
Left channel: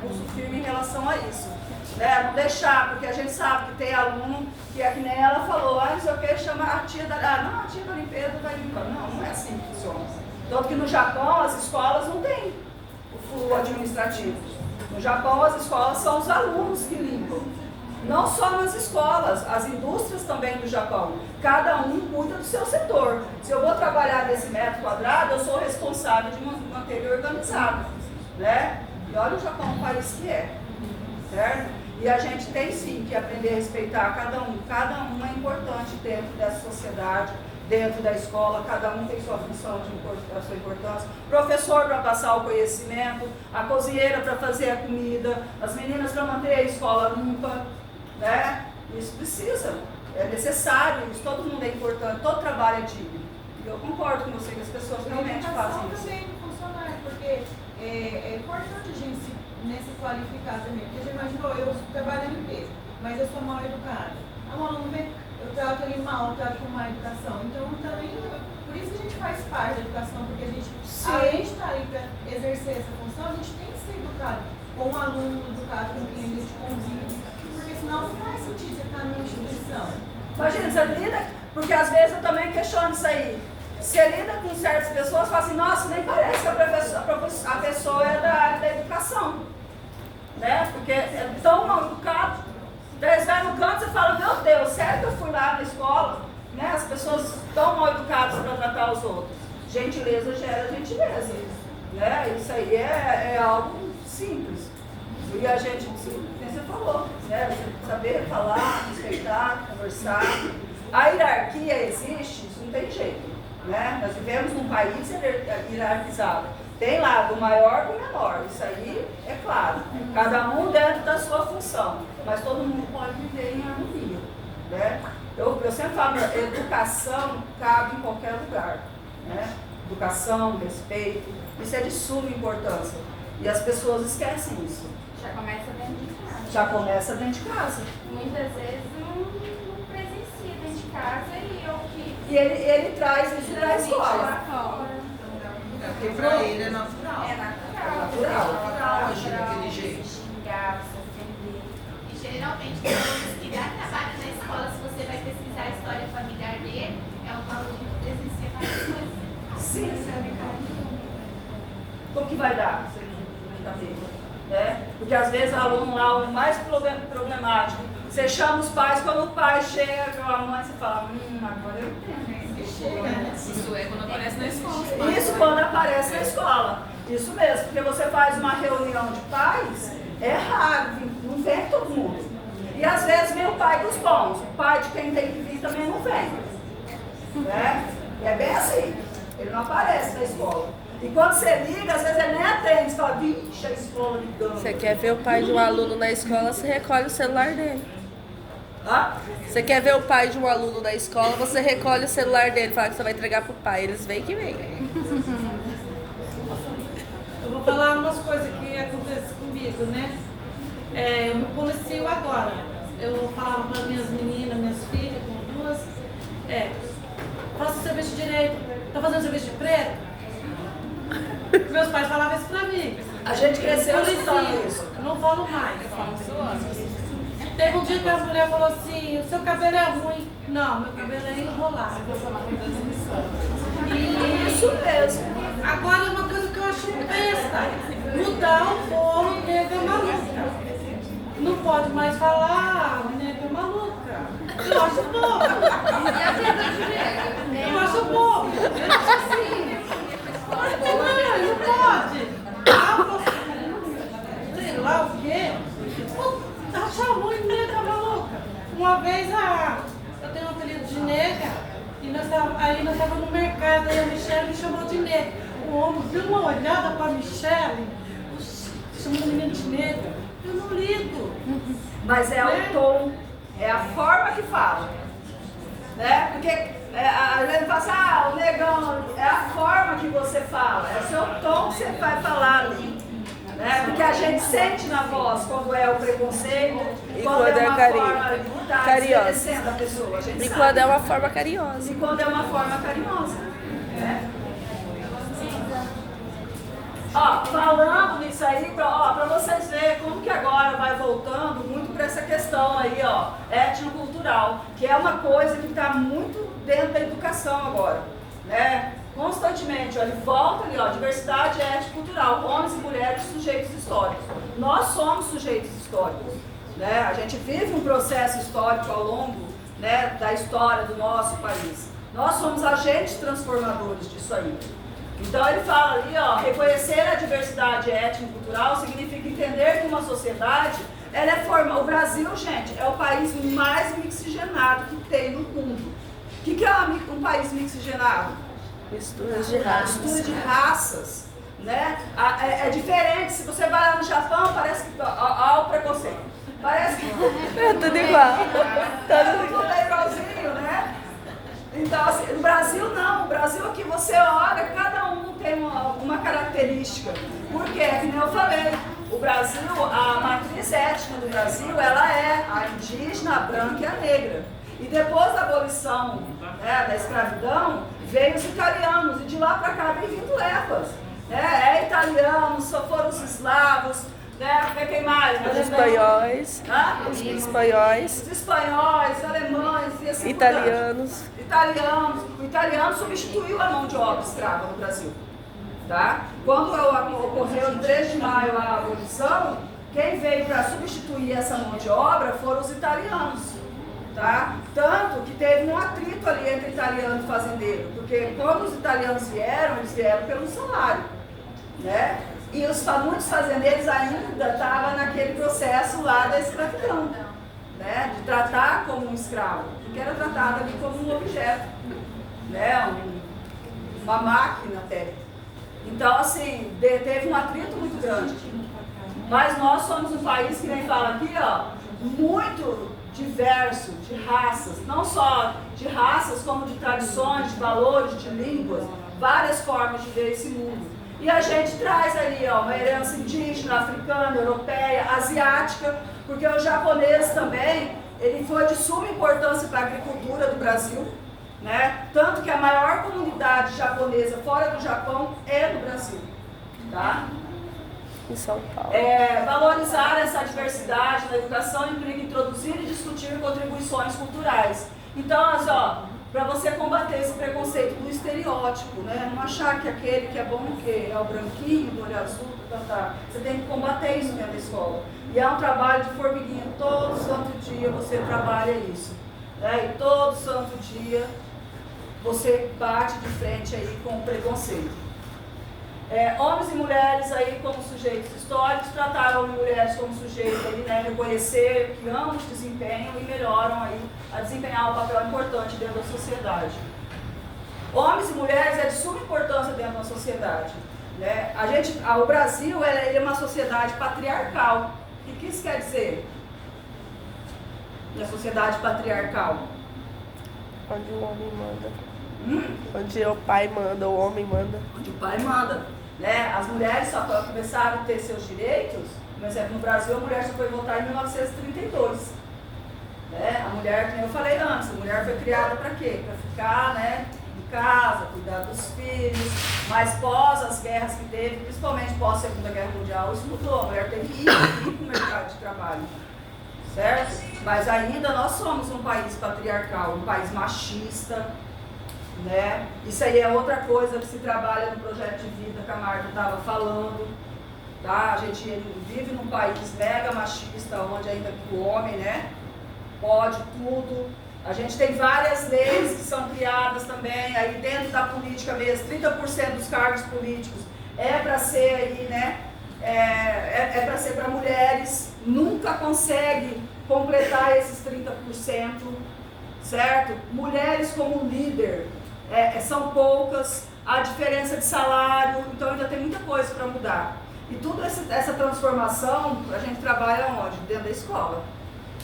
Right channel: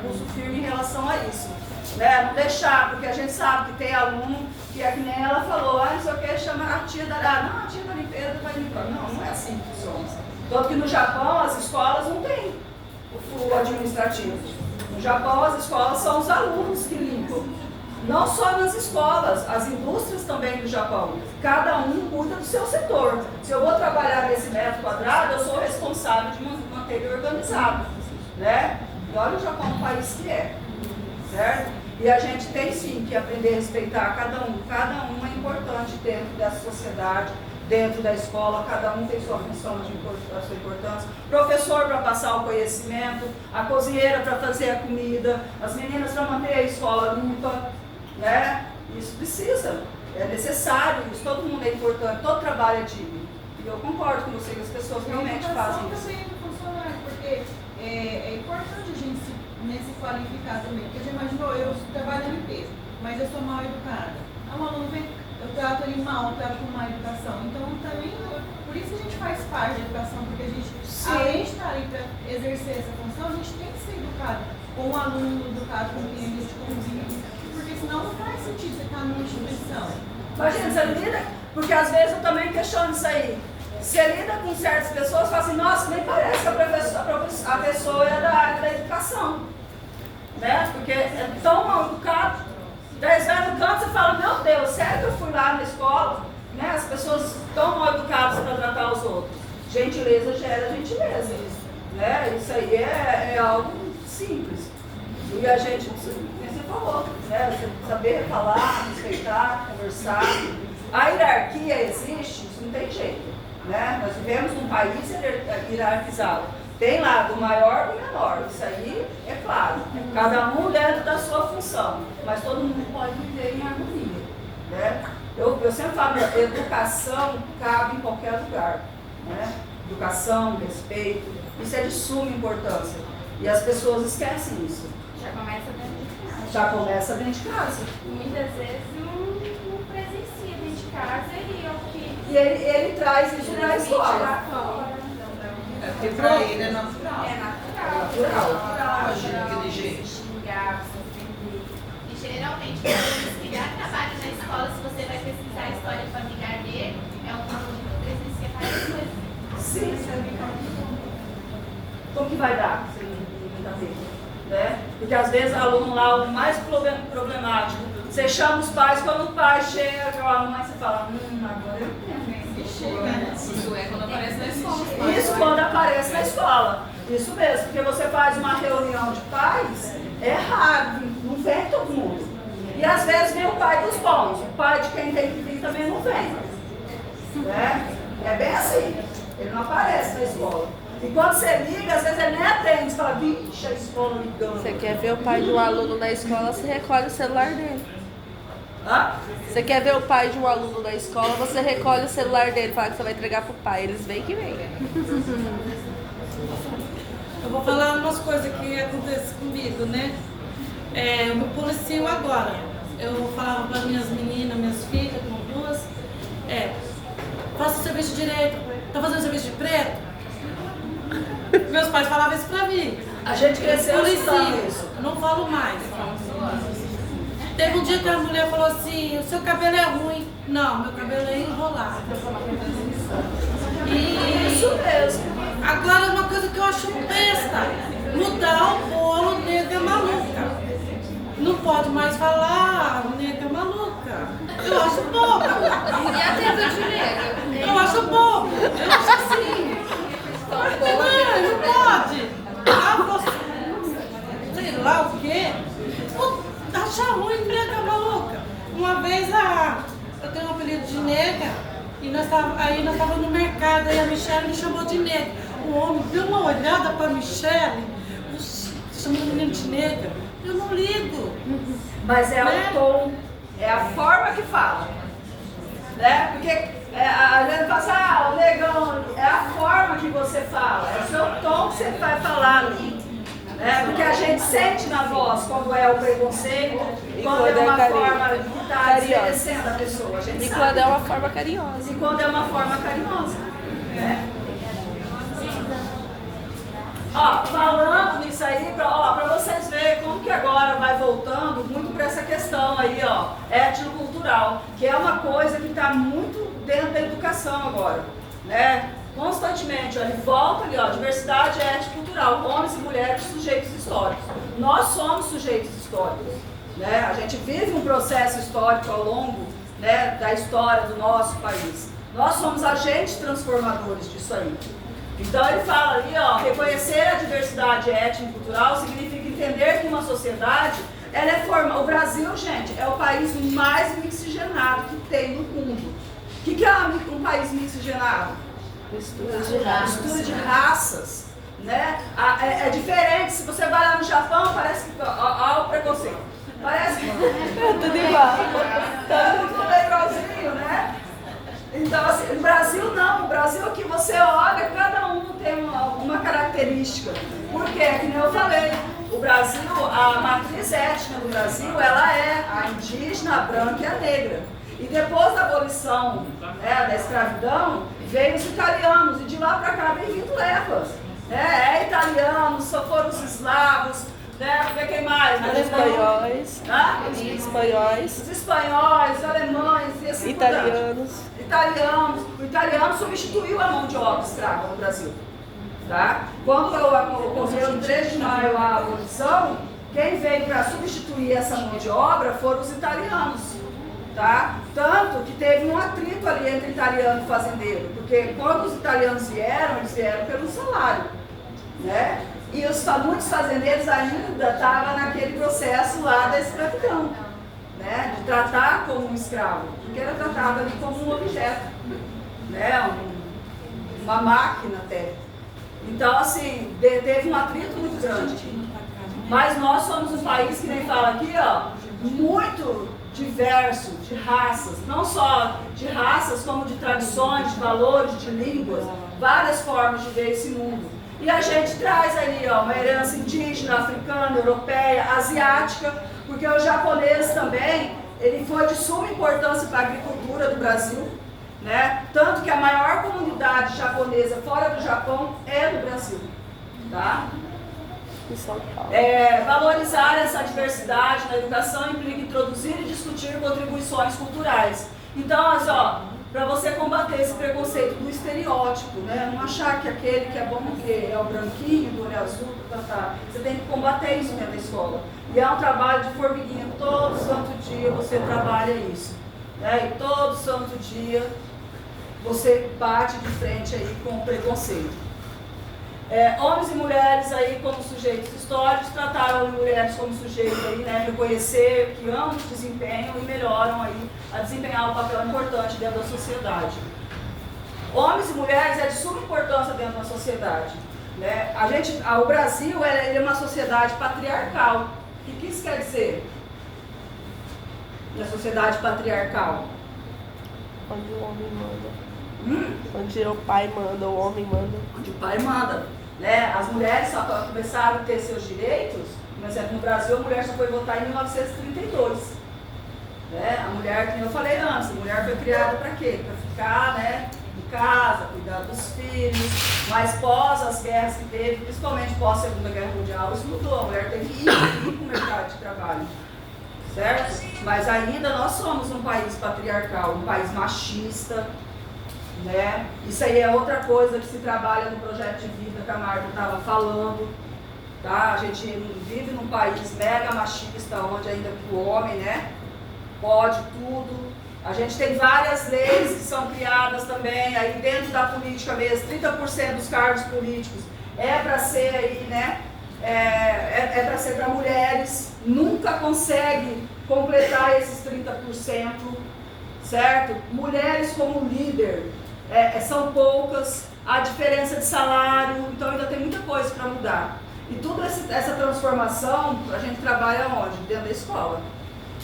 pulso firme em relação a isso. Né? Não deixar, porque a gente sabe que tem aluno que é que nem ela falou, não sei o que, chama a tia da... não, a tia da limpeza vai limpar. Não é assim que funciona. Tanto que no Japão as escolas não têm o administrativo. No Japão, as escolas são os alunos que limpam. Não só nas escolas, as indústrias também do Japão. Cada um cuida do seu setor. Se eu vou trabalhar nesse metro quadrado, eu sou responsável de manter ele organizado. Né? E olha o Japão, o país que é. Certo? E a gente tem sim que aprender a respeitar cada um. Cada um é importante dentro dessa sociedade. Dentro da escola, cada um tem sua função, a sua importância. Professor para passar o conhecimento, a cozinheira para fazer a comida, as meninas para manter a escola limpa, né? Isso precisa, é necessário, isso, todo mundo é importante, todo trabalho é digno. E eu concordo com você que as pessoas realmente fazem isso. Também do funcionário, porque é importante a gente se qualificar também. Porque já imaginou, eu trabalho na limpeza, mas eu sou mal educada. Um aluno vem, eu trato ele mal, eu trato com má educação. Então, também, por isso que a gente faz parte da educação, porque a gente, além de estar aí para exercer essa função, a gente tem que ser educado com o aluno, educado com quem a gente convive, porque senão não faz sentido você estar numa instituição. Imagina, você lida, porque às vezes eu também questiono isso aí. Você lida com certas pessoas e fala assim, nossa, nem parece que a pessoa é da área da educação. Né? Porque é tão mal educado. Daí você vai no canto e fala, meu Deus, sério que eu fui lá na escola? Né? As pessoas tão mal educadas para tratar os outros. Gentileza gera gentileza. Né? Isso aí é algo simples. E a gente, como você falou, né? Você saber falar, respeitar, conversar. A hierarquia existe, isso não tem jeito. Né? Nós vivemos num país hierarquizado. Tem lá do maior do menor, isso aí é claro. Cada um dentro da sua função, mas todo mundo pode viver em harmonia. Né? Eu sempre falo, educação cabe em qualquer lugar. Né? Educação, respeito, isso é de suma importância. E as pessoas esquecem isso. Já começa dentro de casa. Já começa dentro de casa. Muitas vezes não presencia dentro de casa e o que... E ele traz isso para a escola. É porque pra ele é natural. É natural. Natural. Agir daquele jeito. Xingar, se ofender. E geralmente, pessoas que já trabalham na escola, se você vai pesquisar a história familiar dele, é um conjunto que presencia várias coisas. Sim. O que vai dar se ele não está tendo? Né? Porque às vezes o aluno lá, o mais problemático, você chama os pais, quando o pai chega, ou a mãe, você fala, agora eu tenho. Isso é quando aparece na escola. Isso quando aparece na escola. Isso mesmo, porque você faz uma reunião de pais, é raro, não vem todo mundo. E às vezes vem o pai dos bons, o pai de quem tem que vir também não vem. Né? É bem assim, ele não aparece na escola. E quando você liga, às vezes ele nem atende, você fala, vixe, a escola ligando. Você quer ver o pai de um aluno na escola, você recolhe o celular dele. Hã? Você quer ver o pai de um aluno na escola, você recolhe o celular dele, fala que você vai entregar pro pai. Eles vêm que vem. Eu vou falar umas coisas que acontecem comigo, né? Eu me policio agora. Eu falava para minhas meninas, minhas filhas, com duas, faça o serviço direito, tá fazendo serviço de preto? Meus pais falavam isso pra mim. A gente cresceu escutando Policia, isso. não falo mais. Teve um dia que a mulher falou assim, o seu cabelo é ruim. Não, meu cabelo é enrolado. Isso mesmo. Agora, uma coisa que eu acho besta, mudar o bolo nega maluca. Não pode mais falar nega maluca. Eu acho bobo. E a teta de nega? Eu acho bobo. Eu acho assim. Não pode. Sei lá o quê. Acha ruim nega maluca. Uma vez eu tenho um apelido de nega. E nós estávamos no mercado, aí a Michelle me chamou de nega. O homem deu uma olhada para a Michelle, chamou a menina de nega. Eu não ligo. Mas é o tom, é a forma que fala. Né? Porque a gente fala assim, o negão, é a forma que você fala, é o seu tom que você vai falar ali. Né? Porque a gente sente na voz quando é o preconceito, quando é uma forma que está desmerecendo a pessoa. A gente E sabe. quando é uma forma carinhosa. E quando é uma forma carinhosa. Né? Ó, falando nisso aí, para vocês verem como que agora vai voltando muito para essa questão aí, ó, étnico-cultural, que é uma coisa que está muito dentro da educação agora, né? Constantemente, ó, ele volta ali, ó, diversidade étnico-cultural, homens e mulheres, sujeitos históricos. Nós somos sujeitos históricos, né? A gente vive um processo histórico ao longo, né, da história do nosso país. Nós somos agentes transformadores disso aí. Então ele fala ali, ó, reconhecer a diversidade étnico-cultural significa entender que uma sociedade, ela é formada. O Brasil, gente, é o país mais mixigenado que tem no mundo. O que é um país mixigenado? Misturas de raças. Mistura de raças, né? É diferente, se você vai lá no Japão, parece que, ó o preconceito, parece que É tudo igual. tudo é igualzinho, né? Então, assim, no Brasil não, no Brasil que você olha, cada um tem tem uma característica. Porque, que nem eu falei, o Brasil, a matriz étnica do Brasil, ela é a indígena, a branca e a negra. E depois da abolição, né, da escravidão, veio os italianos, e de lá para cá vem vindo levas. É italianos, só foram os eslavos, né? Quem mais? Os espanhóis. Os espanhóis. Os espanhóis, alemães e assim italianos. O italiano substituiu a mão de obra escrava no Brasil. Tá? Quando ocorreu em 3 de maio a abolição, quem veio para substituir essa mão de obra foram os italianos. Tá? Tanto que teve um atrito ali entre italiano e fazendeiro, porque quando os italianos vieram, eles vieram pelo salário, né? E muitos fazendeiros ainda estavam naquele processo lá da escravidão, né? De tratar como um escravo, porque era tratado ali como um objeto, né? Uma máquina até. Então, assim, teve um atrito muito grande. Mas nós somos um país que nem fala aqui, ó, muito diverso, de raças, não só de raças, como de tradições, de valores, de línguas, várias formas de ver esse mundo. E a gente traz ali, ó, uma herança indígena, africana, europeia, asiática, porque o japonês também, ele foi de suma importância para a agricultura do Brasil, né? Tanto que a maior comunidade japonesa fora do Japão é no Brasil, tá? Em São Paulo. Valorizar essa diversidade na educação implica introduzir e discutir contribuições culturais. Então, assim, ó, para você combater esse preconceito do estereótipo, né? Não achar que aquele que é bom que é o branquinho, do olho azul, você tem que combater isso dentro da escola. E é um trabalho de formiguinha, todo santo dia você trabalha isso, né? E todo santo dia você bate de frente aí com o preconceito. Homens e mulheres aí como sujeitos históricos, trataram homens e mulheres como sujeitos aí, né, reconhecer que ambos desempenham e melhoram aí a desempenhar um papel importante dentro da sociedade. Homens e mulheres é de suma importância dentro da sociedade, né? O Brasil ele é uma sociedade patriarcal. O que isso quer dizer? Na sociedade patriarcal? Onde o homem manda. Onde o pai manda, o homem manda. Onde o pai manda. Né? As mulheres só começaram a ter seus direitos, por exemplo, no Brasil a mulher só foi votar em 1932. Né? A mulher, como eu falei antes, a mulher foi criada para quê? Para ficar, né, em casa, cuidar dos filhos, mas pós as guerras que teve, principalmente pós a Segunda Guerra Mundial, isso mudou, a mulher teve que ir para o mercado de trabalho. Certo? Mas ainda nós somos um país patriarcal, um país machista. Né? Isso aí é outra coisa que se trabalha no projeto de vida que a Marta estava falando, tá? A gente vive num país mega machista, onde ainda o homem, né, pode tudo. A gente tem várias leis que são criadas também, aí dentro da política mesmo, 30% dos cargos políticos é para ser aí, né, é para ser para mulheres, nunca consegue completar esses 30%, certo? Mulheres como líder, são poucas, a diferença de salário, então ainda tem muita coisa para mudar. E toda essa transformação, a gente trabalha onde? Dentro da escola,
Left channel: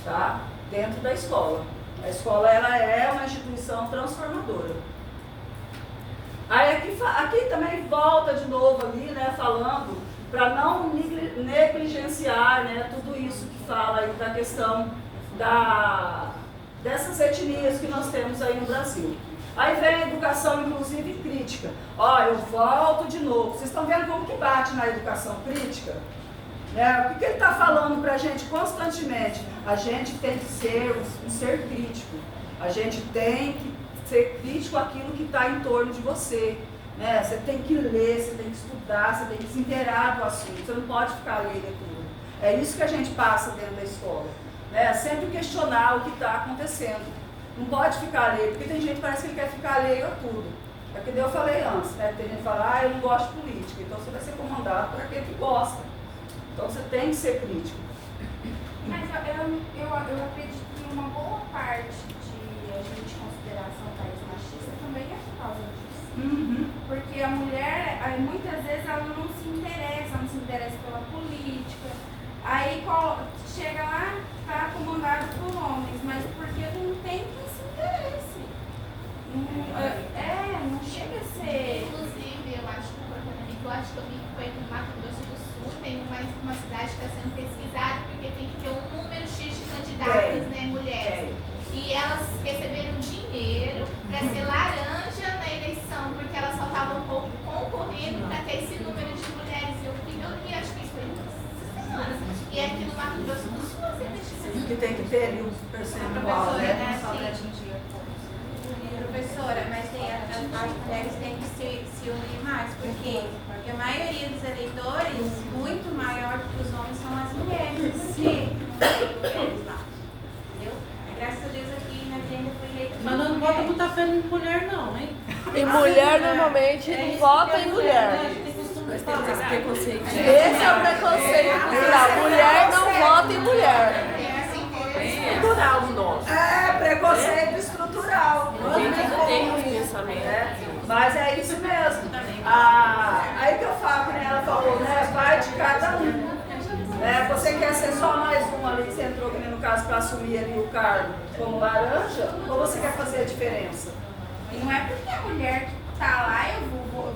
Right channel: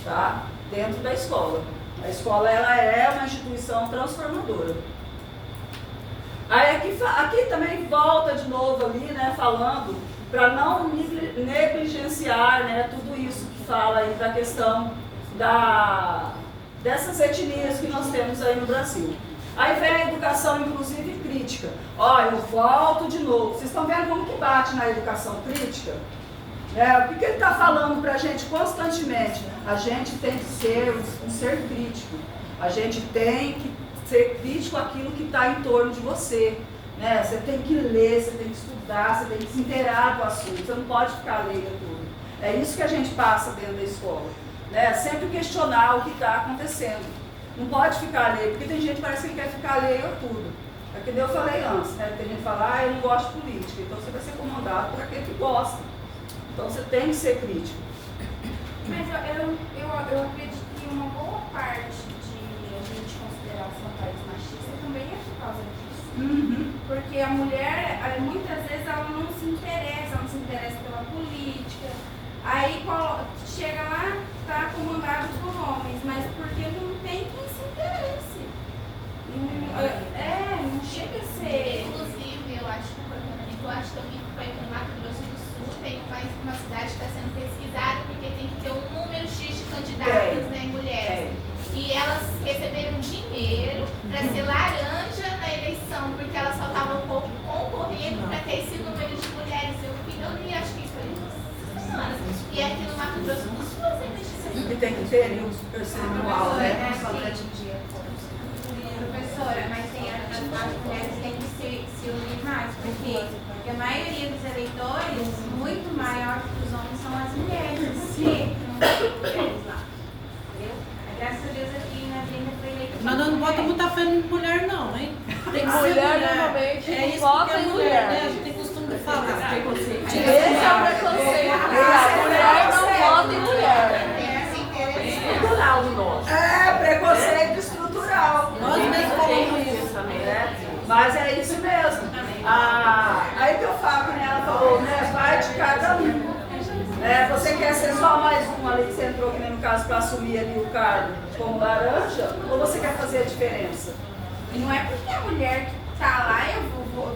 tá? Dentro da escola. A escola, ela é uma instituição transformadora. Aí aqui também volta de novo ali, né, falando, para não negligenciar, né, tudo isso que fala aí da questão dessas etnias que nós temos aí no Brasil. Aí vem a educação inclusiva e crítica. Ó, eu volto de novo. Vocês estão vendo como que bate na educação crítica? O que ele está falando para a gente constantemente? A gente tem que ser um ser crítico. A gente tem que ser crítico àquilo que está em torno de você. Né? Você tem que ler, você tem que estudar, você tem que se inteirar do assunto. Você não pode ficar leiga tudo. É isso que a gente passa dentro da escola. Né? Sempre questionar o que está acontecendo. Não pode ficar leigo, porque tem gente que parece que quer ficar leigo a tudo. É que eu falei antes, né? Tem gente que fala, eu não gosto de política, então você vai ser comandado por aquele que gosta. Então você tem que ser crítico. Mas eu acredito que uma boa parte de a gente considerar um país machista também é por causa disso. Porque a mulher, muitas vezes, ela não se interessa pela política. Aí chega lá, está comandado por homens, mas porque não tem quem se interesse. Não chega a ser. Inclusive, eu acho que tem que ter ali um percentual, né? Professora, mas tem, as mulheres têm que se unir mais, porque a maioria dos eleitores, muito maior que os homens, são as mulheres. Porque não tem mulheres lá. Entendeu? Graças a Deus aqui na agenda foi eleito. Mas não bota muita fé em mulher, não, hein? Tem mulher normalmente não vota em mulher. A gente tem costume de falar. Esse é o preconceito. A mulher não vota em mulher. Estrutural no nosso. É, preconceito estrutural. Mas é isso mesmo. Aí que eu falo, né? Ela falou, né? Vai de cada um. Você quer ser só mais um ali que você entrou, que nem no caso, para assumir ali o cargo como laranja, ou você quer fazer a diferença? E não é porque a mulher que tá lá, eu vou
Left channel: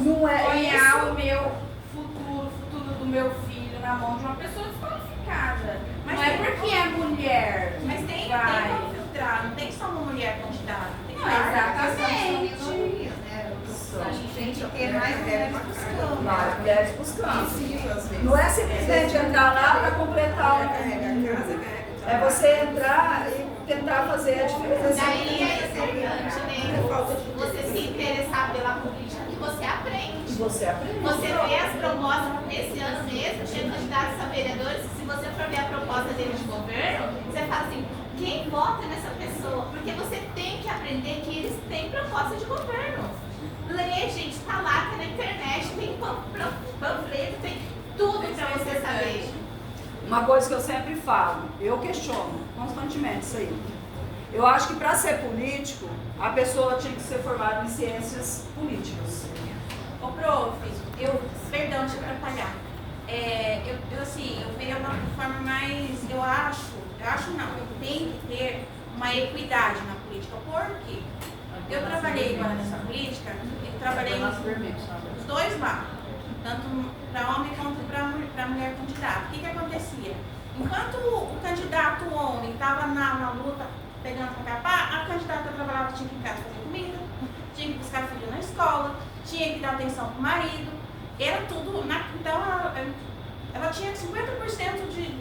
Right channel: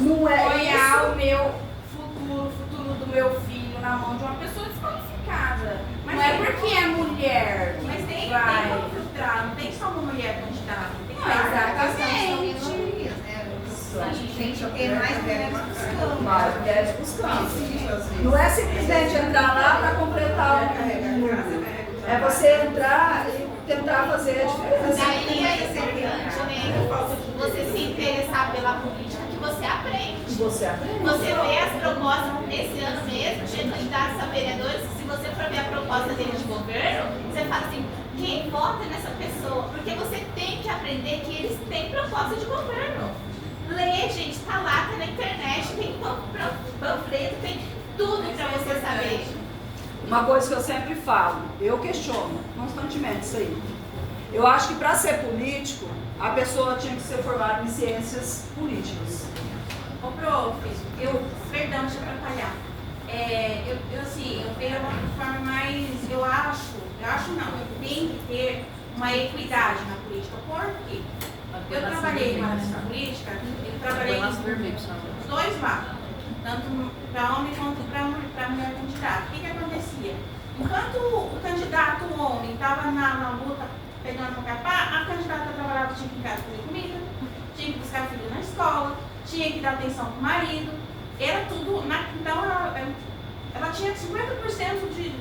Não é apoiar isso. o meu futuro do meu filho na mão de uma pessoa desqualificada. Mas não é porque é mulher. Mas tem como filtrar, não tem só uma mulher candidata. Tem que Exatamente. A gente tem que ter mais mulheres buscando. Mais mulheres buscando. Não é simplesmente entrar lá para completar o. É você entrar e tentar fazer a diferença. Daí é importante, né? Você se interessar pela política que você aprende. Você aprende. Você vê as propostas esse ano mesmo, de candidatos a vereadores, se você for ver a proposta deles de governo, você fala assim, quem vota nessa pessoa? Porque você tem que aprender que eles têm proposta de governo. Lê, gente, tá lá, tá na internet, tem panfleto, tem tudo pra você saber. Uma coisa que eu sempre falo, eu questiono constantemente isso aí. Eu acho que para ser político, a pessoa tinha que ser formada em ciências políticas. Ô, prof, perdão, deixa eu atrapalhar. Eu vejo uma forma mais, eu acho não, eu tenho que ter uma equidade na política. Por quê? Eu trabalhei nessa política, eu trabalhei nos dois lados, tanto para homem quanto para mulher candidata. O que acontecia? Enquanto o candidato homem estava na luta pegando para capar, a candidata trabalhava, tinha que ir em casa fazer comida, tinha que buscar filho na escola, tinha que dar atenção para o marido, era tudo. Então ela tinha 50%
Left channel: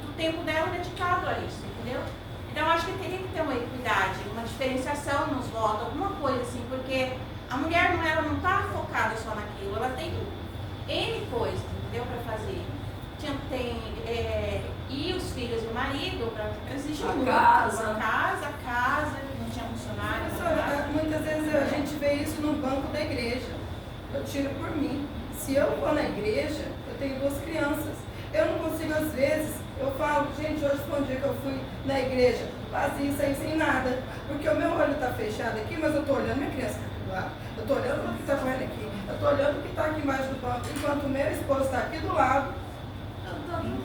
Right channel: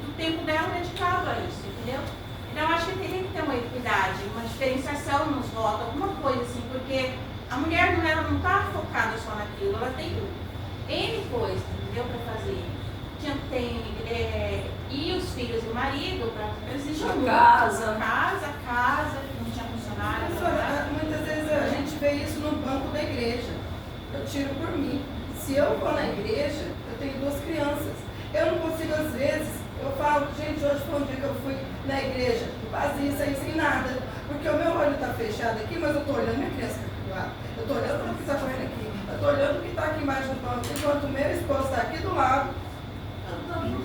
do tempo dela dedicado a isso, entendeu? Então eu acho que teria que ter uma equidade, uma diferenciação nos votos, alguma coisa assim, porque a mulher ela não está focada só naquilo, ela tem N coisas, entendeu, para fazer. E os filhos e o marido, existe a casa, não tinha funcionário. Muitas vezes a gente vê isso no banco da igreja. Eu tiro por mim. Se eu vou na igreja, eu tenho 2 crianças. Eu não consigo, às vezes, eu falo, gente, hoje foi um dia que eu fui na igreja, vazia, sem nada. Porque o meu olho está fechado aqui, mas eu estou olhando minha criança que está aqui do lado. Eu estou olhando para o que está correndo aqui. Eu estou olhando o que está aqui embaixo do banco, enquanto o meu esposo está aqui do lado.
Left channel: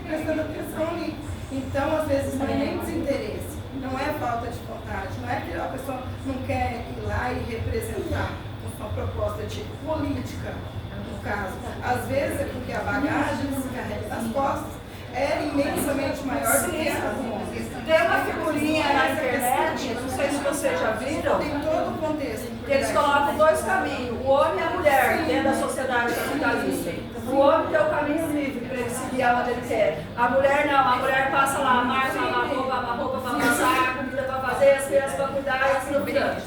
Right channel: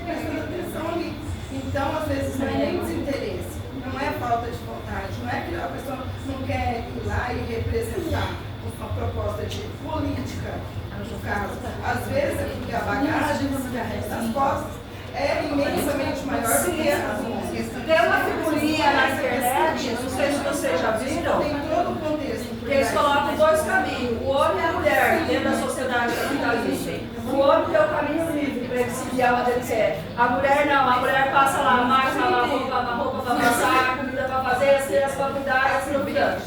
Prestando atenção ali. Então, às vezes, não é nem desinteresse, não é falta de vontade, não é que a pessoa não quer ir lá e representar uma proposta de política, no caso. Às vezes, é porque a bagagem que se carrega nas costas é imensamente maior do que as músicas. Tem uma figurinha na internet, não sei se vocês já viram, Tem todo o contexto. que eles colocam 2 caminhos, o homem e a mulher, dentro da sociedade capitalista. O homem tem o caminho livre para ele seguir aonde ele quer. A mulher não, a mulher passa lá, mais uma roupa para passar, comida para fazer, as crianças para cuidar e assim por diante.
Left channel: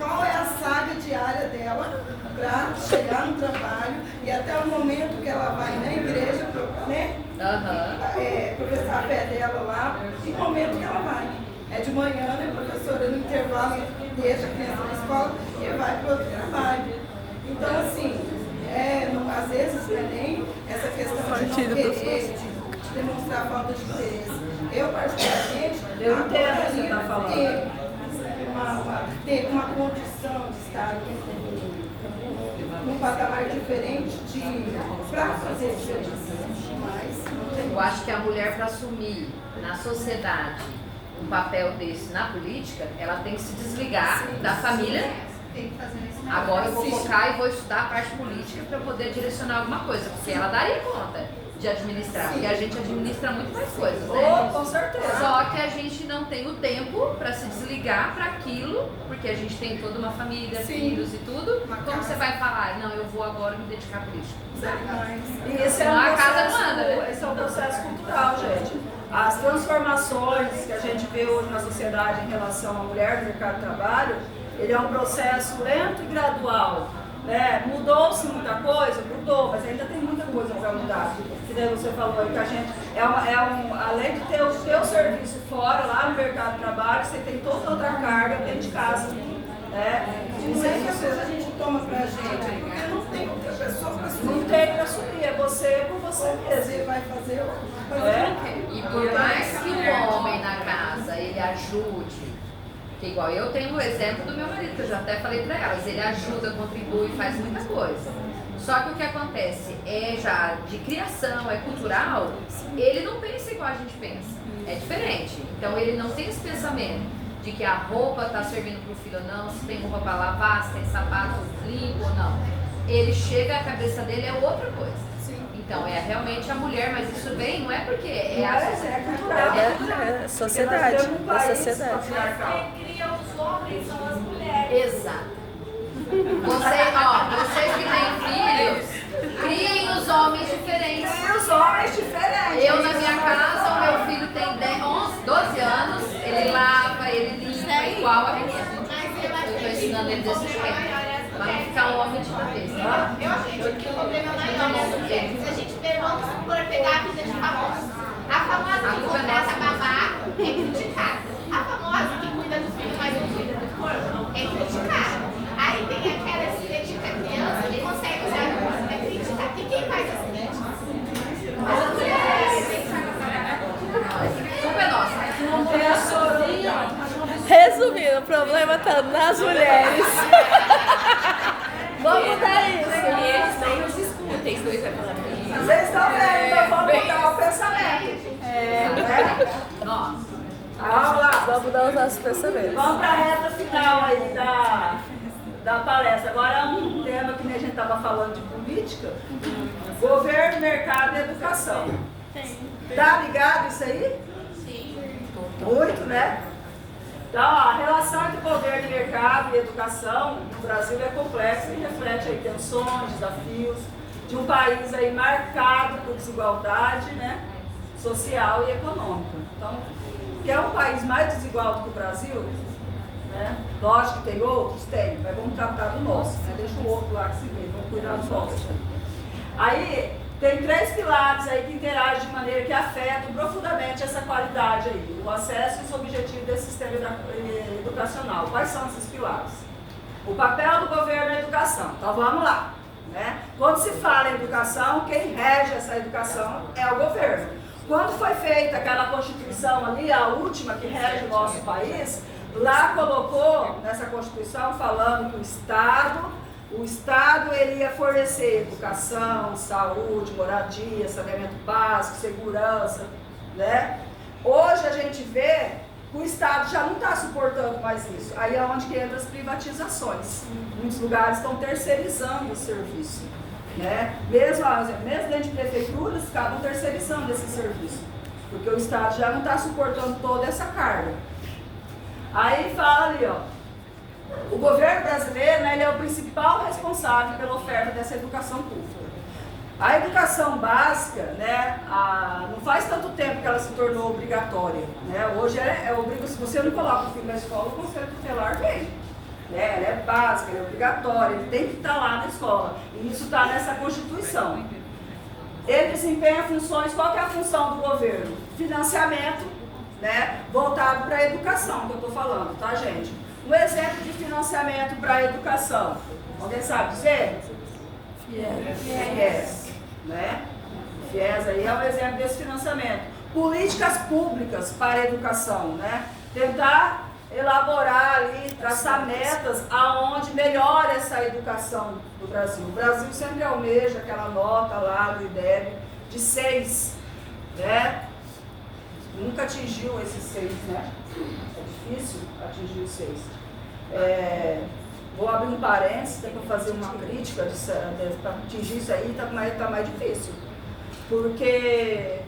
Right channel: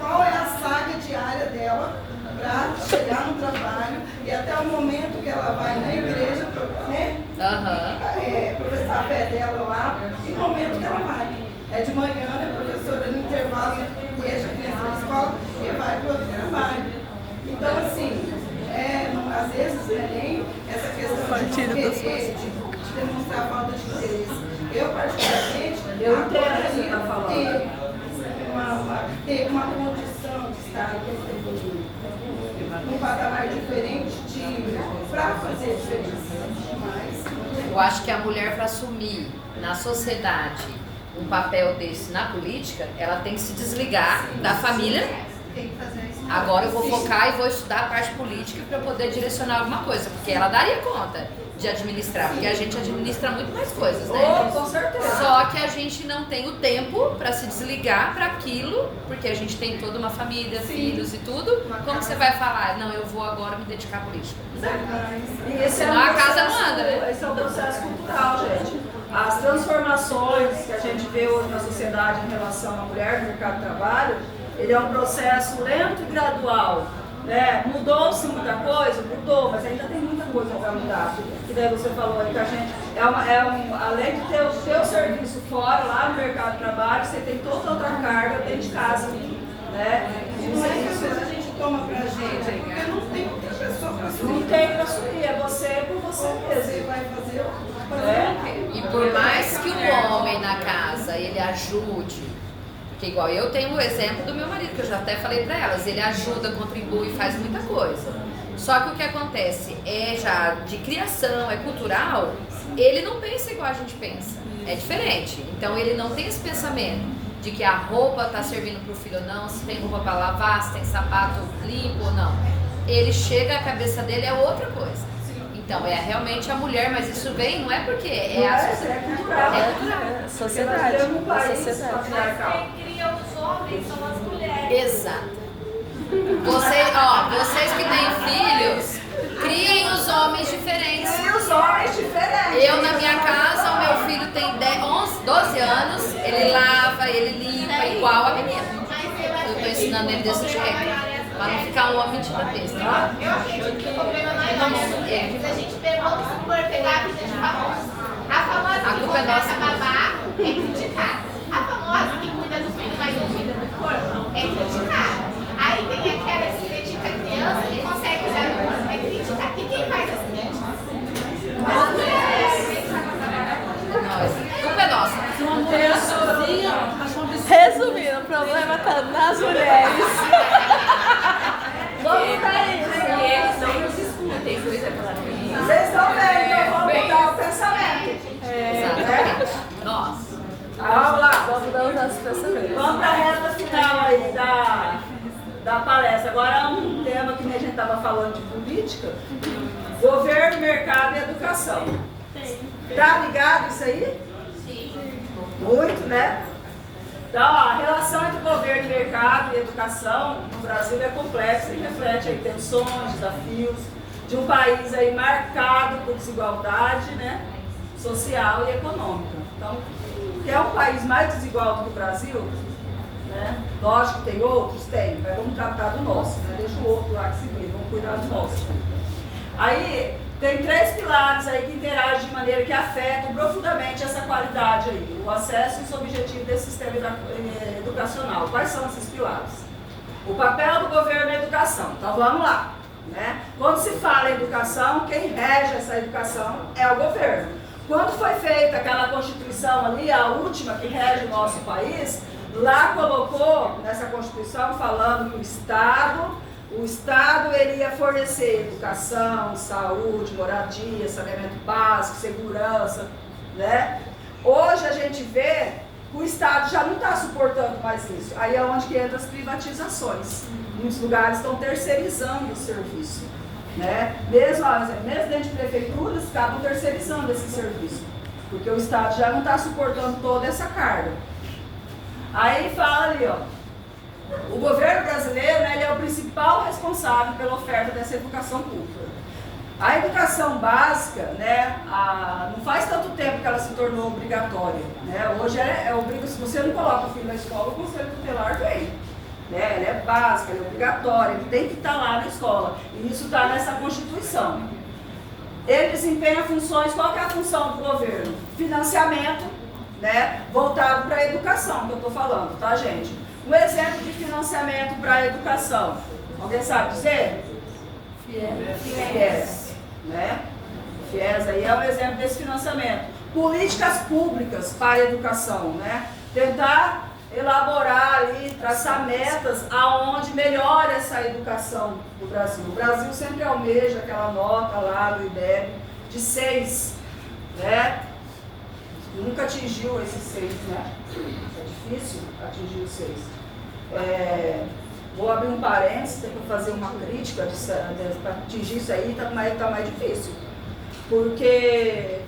Qual é a saga diária dela para chegar no trabalho e até o momento que ela vai na igreja, né? Professar a fé dela lá, e o momento que ela vai. É de manhã, né, professora, no intervalo, deixa a criança na escola e vai para outro trabalho. Então, assim, às vezes nem essa questão de demonstrar falta de interesse. Eu, particularmente, eu entendo o que você está falando. Ter uma condição de estar num patamar diferente para fazer diferença. Eu acho que a mulher, para assumir na sociedade um papel desse na política, ela tem que se desligar da família. Agora eu vou focar e vou estudar a parte política para poder direcionar alguma coisa, porque ela daria conta. de administrar, porque a gente administra muito mais coisas, né? Com certeza. Só que a gente não tem o tempo para se desligar para aquilo, porque a gente tem toda uma família, filhos e tudo. Como você vai falar, não, eu vou agora me dedicar à política? E esse é Senão a um casa processo, não anda, né? esse é um processo cultural, gente. As transformações que a gente vê hoje na sociedade em relação à mulher no mercado de trabalho, ele é um processo lento e gradual. Né? Mudou-se muita coisa? Mudou, mas ainda tem muita coisa para mudar. Que daí você falou aí que a gente, além de ter o seu serviço fora, lá no mercado de trabalho, você tem toda outra carga dentro de casa. Né? Não é que às vezes a gente toma pra gente, porque não tem outra pessoa pra assumir. Não tem para assumir, é você por você mesmo. Você vai fazer E por mais que o homem na casa, ele ajude, que igual eu tenho o exemplo do meu marido, que eu já até falei pra elas, ele ajuda, contribui, faz muita coisa. Só que o que acontece é já de criação, é cultural, ele não pensa igual a gente pensa, é diferente. Então ele não tem esse pensamento de que a roupa tá servindo pro filho ou não, se tem roupa pra lavar, se tem sapato limpo ou não. Ele chega, a cabeça dele é outra coisa. Então, é realmente a mulher, mas isso vem, não é porque é a sociedade. É sociedade. É sociedade. Quem cria os homens são as mulheres. Exato. Vocês que têm filhos, criem os homens diferentes. Criem os homens diferentes. Eu, na minha casa, o meu filho tem 12 anos, ele lava, ele limpa, igual a menina. Eu estou ensinando ele desse jeito. Para não ficar um homem de cabeça. Eu acredito que o problema não é nosso. Se a gente for pegar a vida de famosos, a famosa que contrata babá é criticada. A famosa que cuida do filho mais novinho do corpo é criticada. Aí tem aquela que dedica a criança que consegue usar o corpo, é criticada. E quem faz as críticas? As mulheres. Culpa é nossa. uma mulher sozinha, acho um absurdo. Resumindo, o problema tá nas mulheres. Vamos mudar isso. Eles nem nos escutem, por exemplo. Vocês estão vendo, então vamos mudar o pensamento. Né? Nossa. Vamos lá. Vamos mudar os nossos pensamentos. Vamos para a reta final aí da palestra. Agora um tema que a gente estava falando de política. Governo, mercado e educação. Tá ligado isso aí? Sim. Muito, né? Então, a relação entre governo e mercado e educação no Brasil é complexa e reflete aí tensões, desafios de um país aí marcado por desigualdade, né, social e econômica. Então, que é um país mais desigual do que o Brasil, né? Lógico que tem outros, tem, mas vamos tratar do nosso, né? Deixa o outro lá que se vê, vamos cuidar do nosso. Aí, tem 3 pilares aí que interagem de maneira que afetam profundamente essa qualidade aí, o acesso e os objetivos desse sistema educacional. Quais são esses pilares? O papel do governo na educação. Então vamos lá. Né? Quando se fala em educação, quem rege essa educação é o governo. Quando foi feita aquela Constituição ali, a última que rege o nosso país, lá colocou nessa Constituição falando que o Estado ele ia fornecer educação, saúde, moradia, saneamento básico, segurança, né? Hoje a gente vê que o Estado já não está suportando mais isso. Aí é onde que entram as privatizações. Muitos lugares estão terceirizando o serviço, né? Mesmo dentro de prefeituras, acabam terceirizando esse serviço, porque o Estado já não está suportando toda essa carga. Aí fala ali, ó. O governo brasileiro, né, ele é o principal responsável pela oferta dessa educação pública. A educação básica, né, não faz tanto tempo que ela se tornou obrigatória. Né? Hoje é obrigatório. Se você não coloca o filho na escola, o conselho tutelar vem. Né? Ela é básica, ela é obrigatória, ele tem que estar lá na escola. E isso está nessa Constituição. Ele desempenha funções, qual que é a função do governo? Financiamento, né, voltado para a educação, que eu estou falando, tá, gente? Um exemplo de financiamento para a educação. Alguém sabe dizer? FIES. Né? FIES aí é um exemplo desse financiamento. Políticas públicas para a educação. Né? Tentar elaborar ali, traçar metas aonde melhora essa educação do Brasil. O Brasil sempre almeja aquela nota lá do IDEB de 6. Né? Nunca atingiu esses 6, né? É difícil atingir os 6. Vou abrir um parênteses para fazer uma crítica para atingir isso aí, tá mais difícil. Porque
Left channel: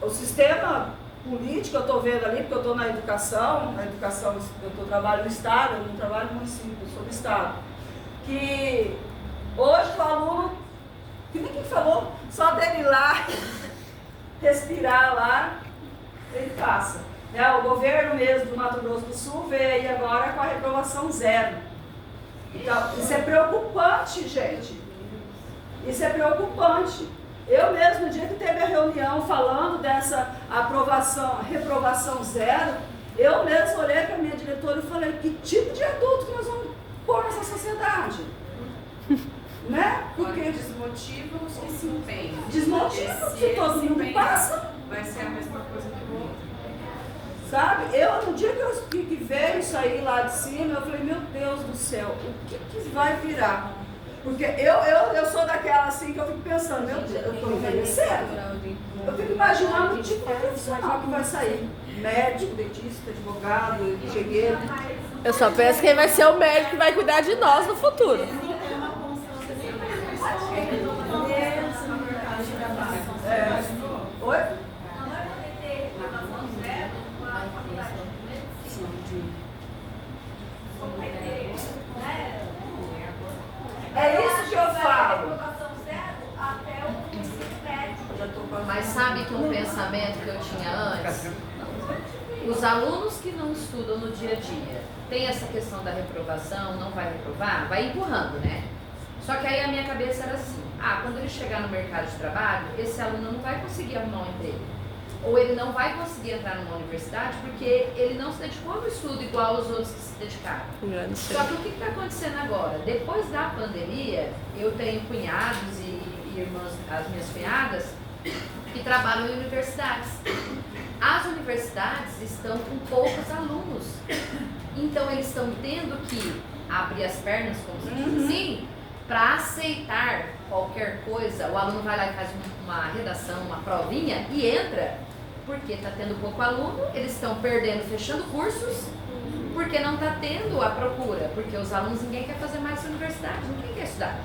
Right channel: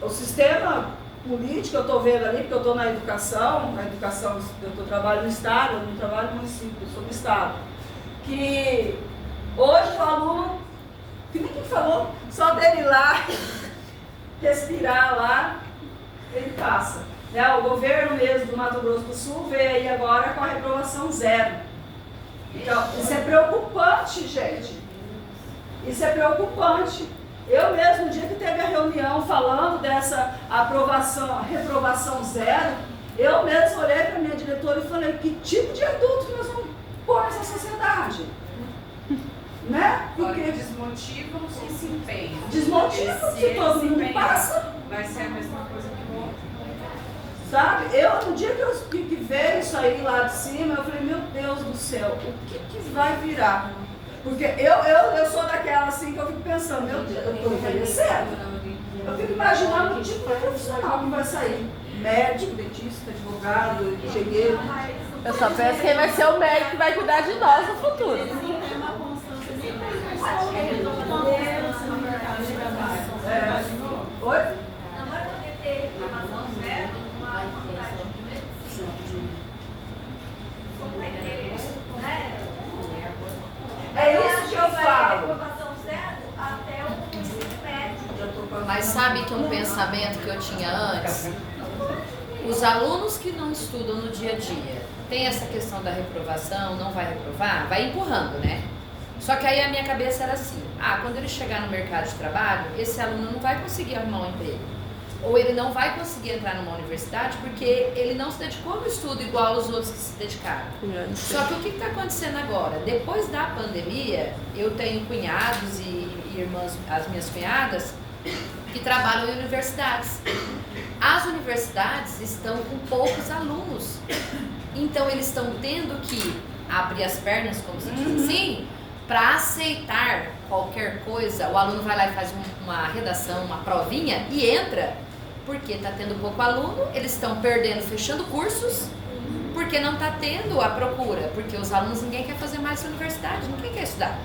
o sistema político, eu estou vendo ali, porque eu estou na educação, eu trabalho no Estado, eu não trabalho no município, eu sou do Estado, que hoje o aluno, que ninguém falou, só dele ir lá, respirar lá, ele passa. Né? O governo mesmo do Mato Grosso do Sul veio aí agora com a reprovação zero. Então, isso é preocupante, gente. Isso é preocupante. Eu mesmo, no dia que teve a reunião falando dessa reprovação zero, eu mesmo olhei para a minha diretora e falei, que tipo de adulto que nós vamos pôr nessa sociedade? Né? Porque desmotivam os que se empenham. Desmotivam, porque todo mundo passa. Vai ser a mesma coisa que o outro. Sabe? No dia que veio isso aí lá de cima, eu falei, meu Deus do céu, o que vai virar? Porque eu sou daquela assim que eu fico pensando, meu Deus, eu estou envelhecendo. Eu fico imaginando o tipo de profissional que vai sair. Médico, dentista, advogado, engenheiro. Eu só penso quem vai ser o médico que vai cuidar de nós no futuro. Oi? Não vai poder ter reclamação zero numa faculdade de medicina. Como vai ter, né? É isso que eu falo. Reclamação zero até o ensino médio. Mas sabe que um pensamento que eu tinha antes, os alunos que não estudam no dia a dia, tem essa questão da reprovação, não vai reprovar, vai empurrando, né? Só que aí a minha cabeça era assim, quando ele chegar no mercado de trabalho, esse aluno não vai conseguir arrumar um emprego. Ou ele não vai conseguir entrar numa universidade porque ele não se dedicou ao estudo igual os outros que se dedicaram. Só que o que está acontecendo agora? Depois da pandemia, eu tenho cunhados e irmãs, as minhas cunhadas, que trabalham em universidades. As universidades estão com poucos alunos. Então eles estão tendo que abrir as pernas, como se diz assim, para aceitar qualquer coisa. O aluno vai lá e faz uma redação, uma provinha e entra, porque está tendo pouco aluno, eles estão perdendo, fechando cursos, porque não está tendo a procura, porque os alunos, ninguém quer fazer mais essa universidade, ninguém quer estudar.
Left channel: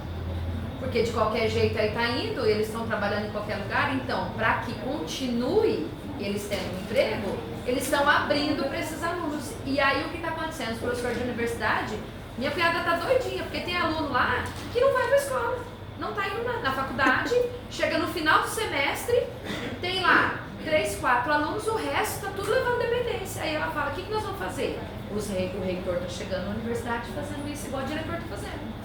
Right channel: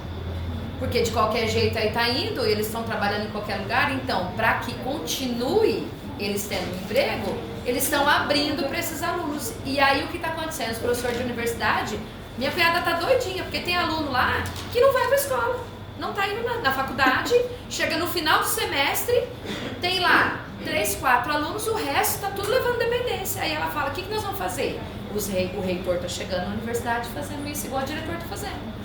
Porque de qualquer jeito aí está indo, eles estão trabalhando em qualquer lugar, então para que continue eles tendo um emprego, eles estão abrindo para esses alunos. E aí o que está acontecendo? Os professores de universidade, minha cunhada está doidinha, porque tem aluno lá que não vai para a escola, não está indo na faculdade, chega no final do semestre, tem lá 3, 4 alunos, o resto está tudo levando dependência. Aí ela fala, o que nós vamos fazer? O reitor está chegando na universidade fazendo isso igual o diretor está fazendo.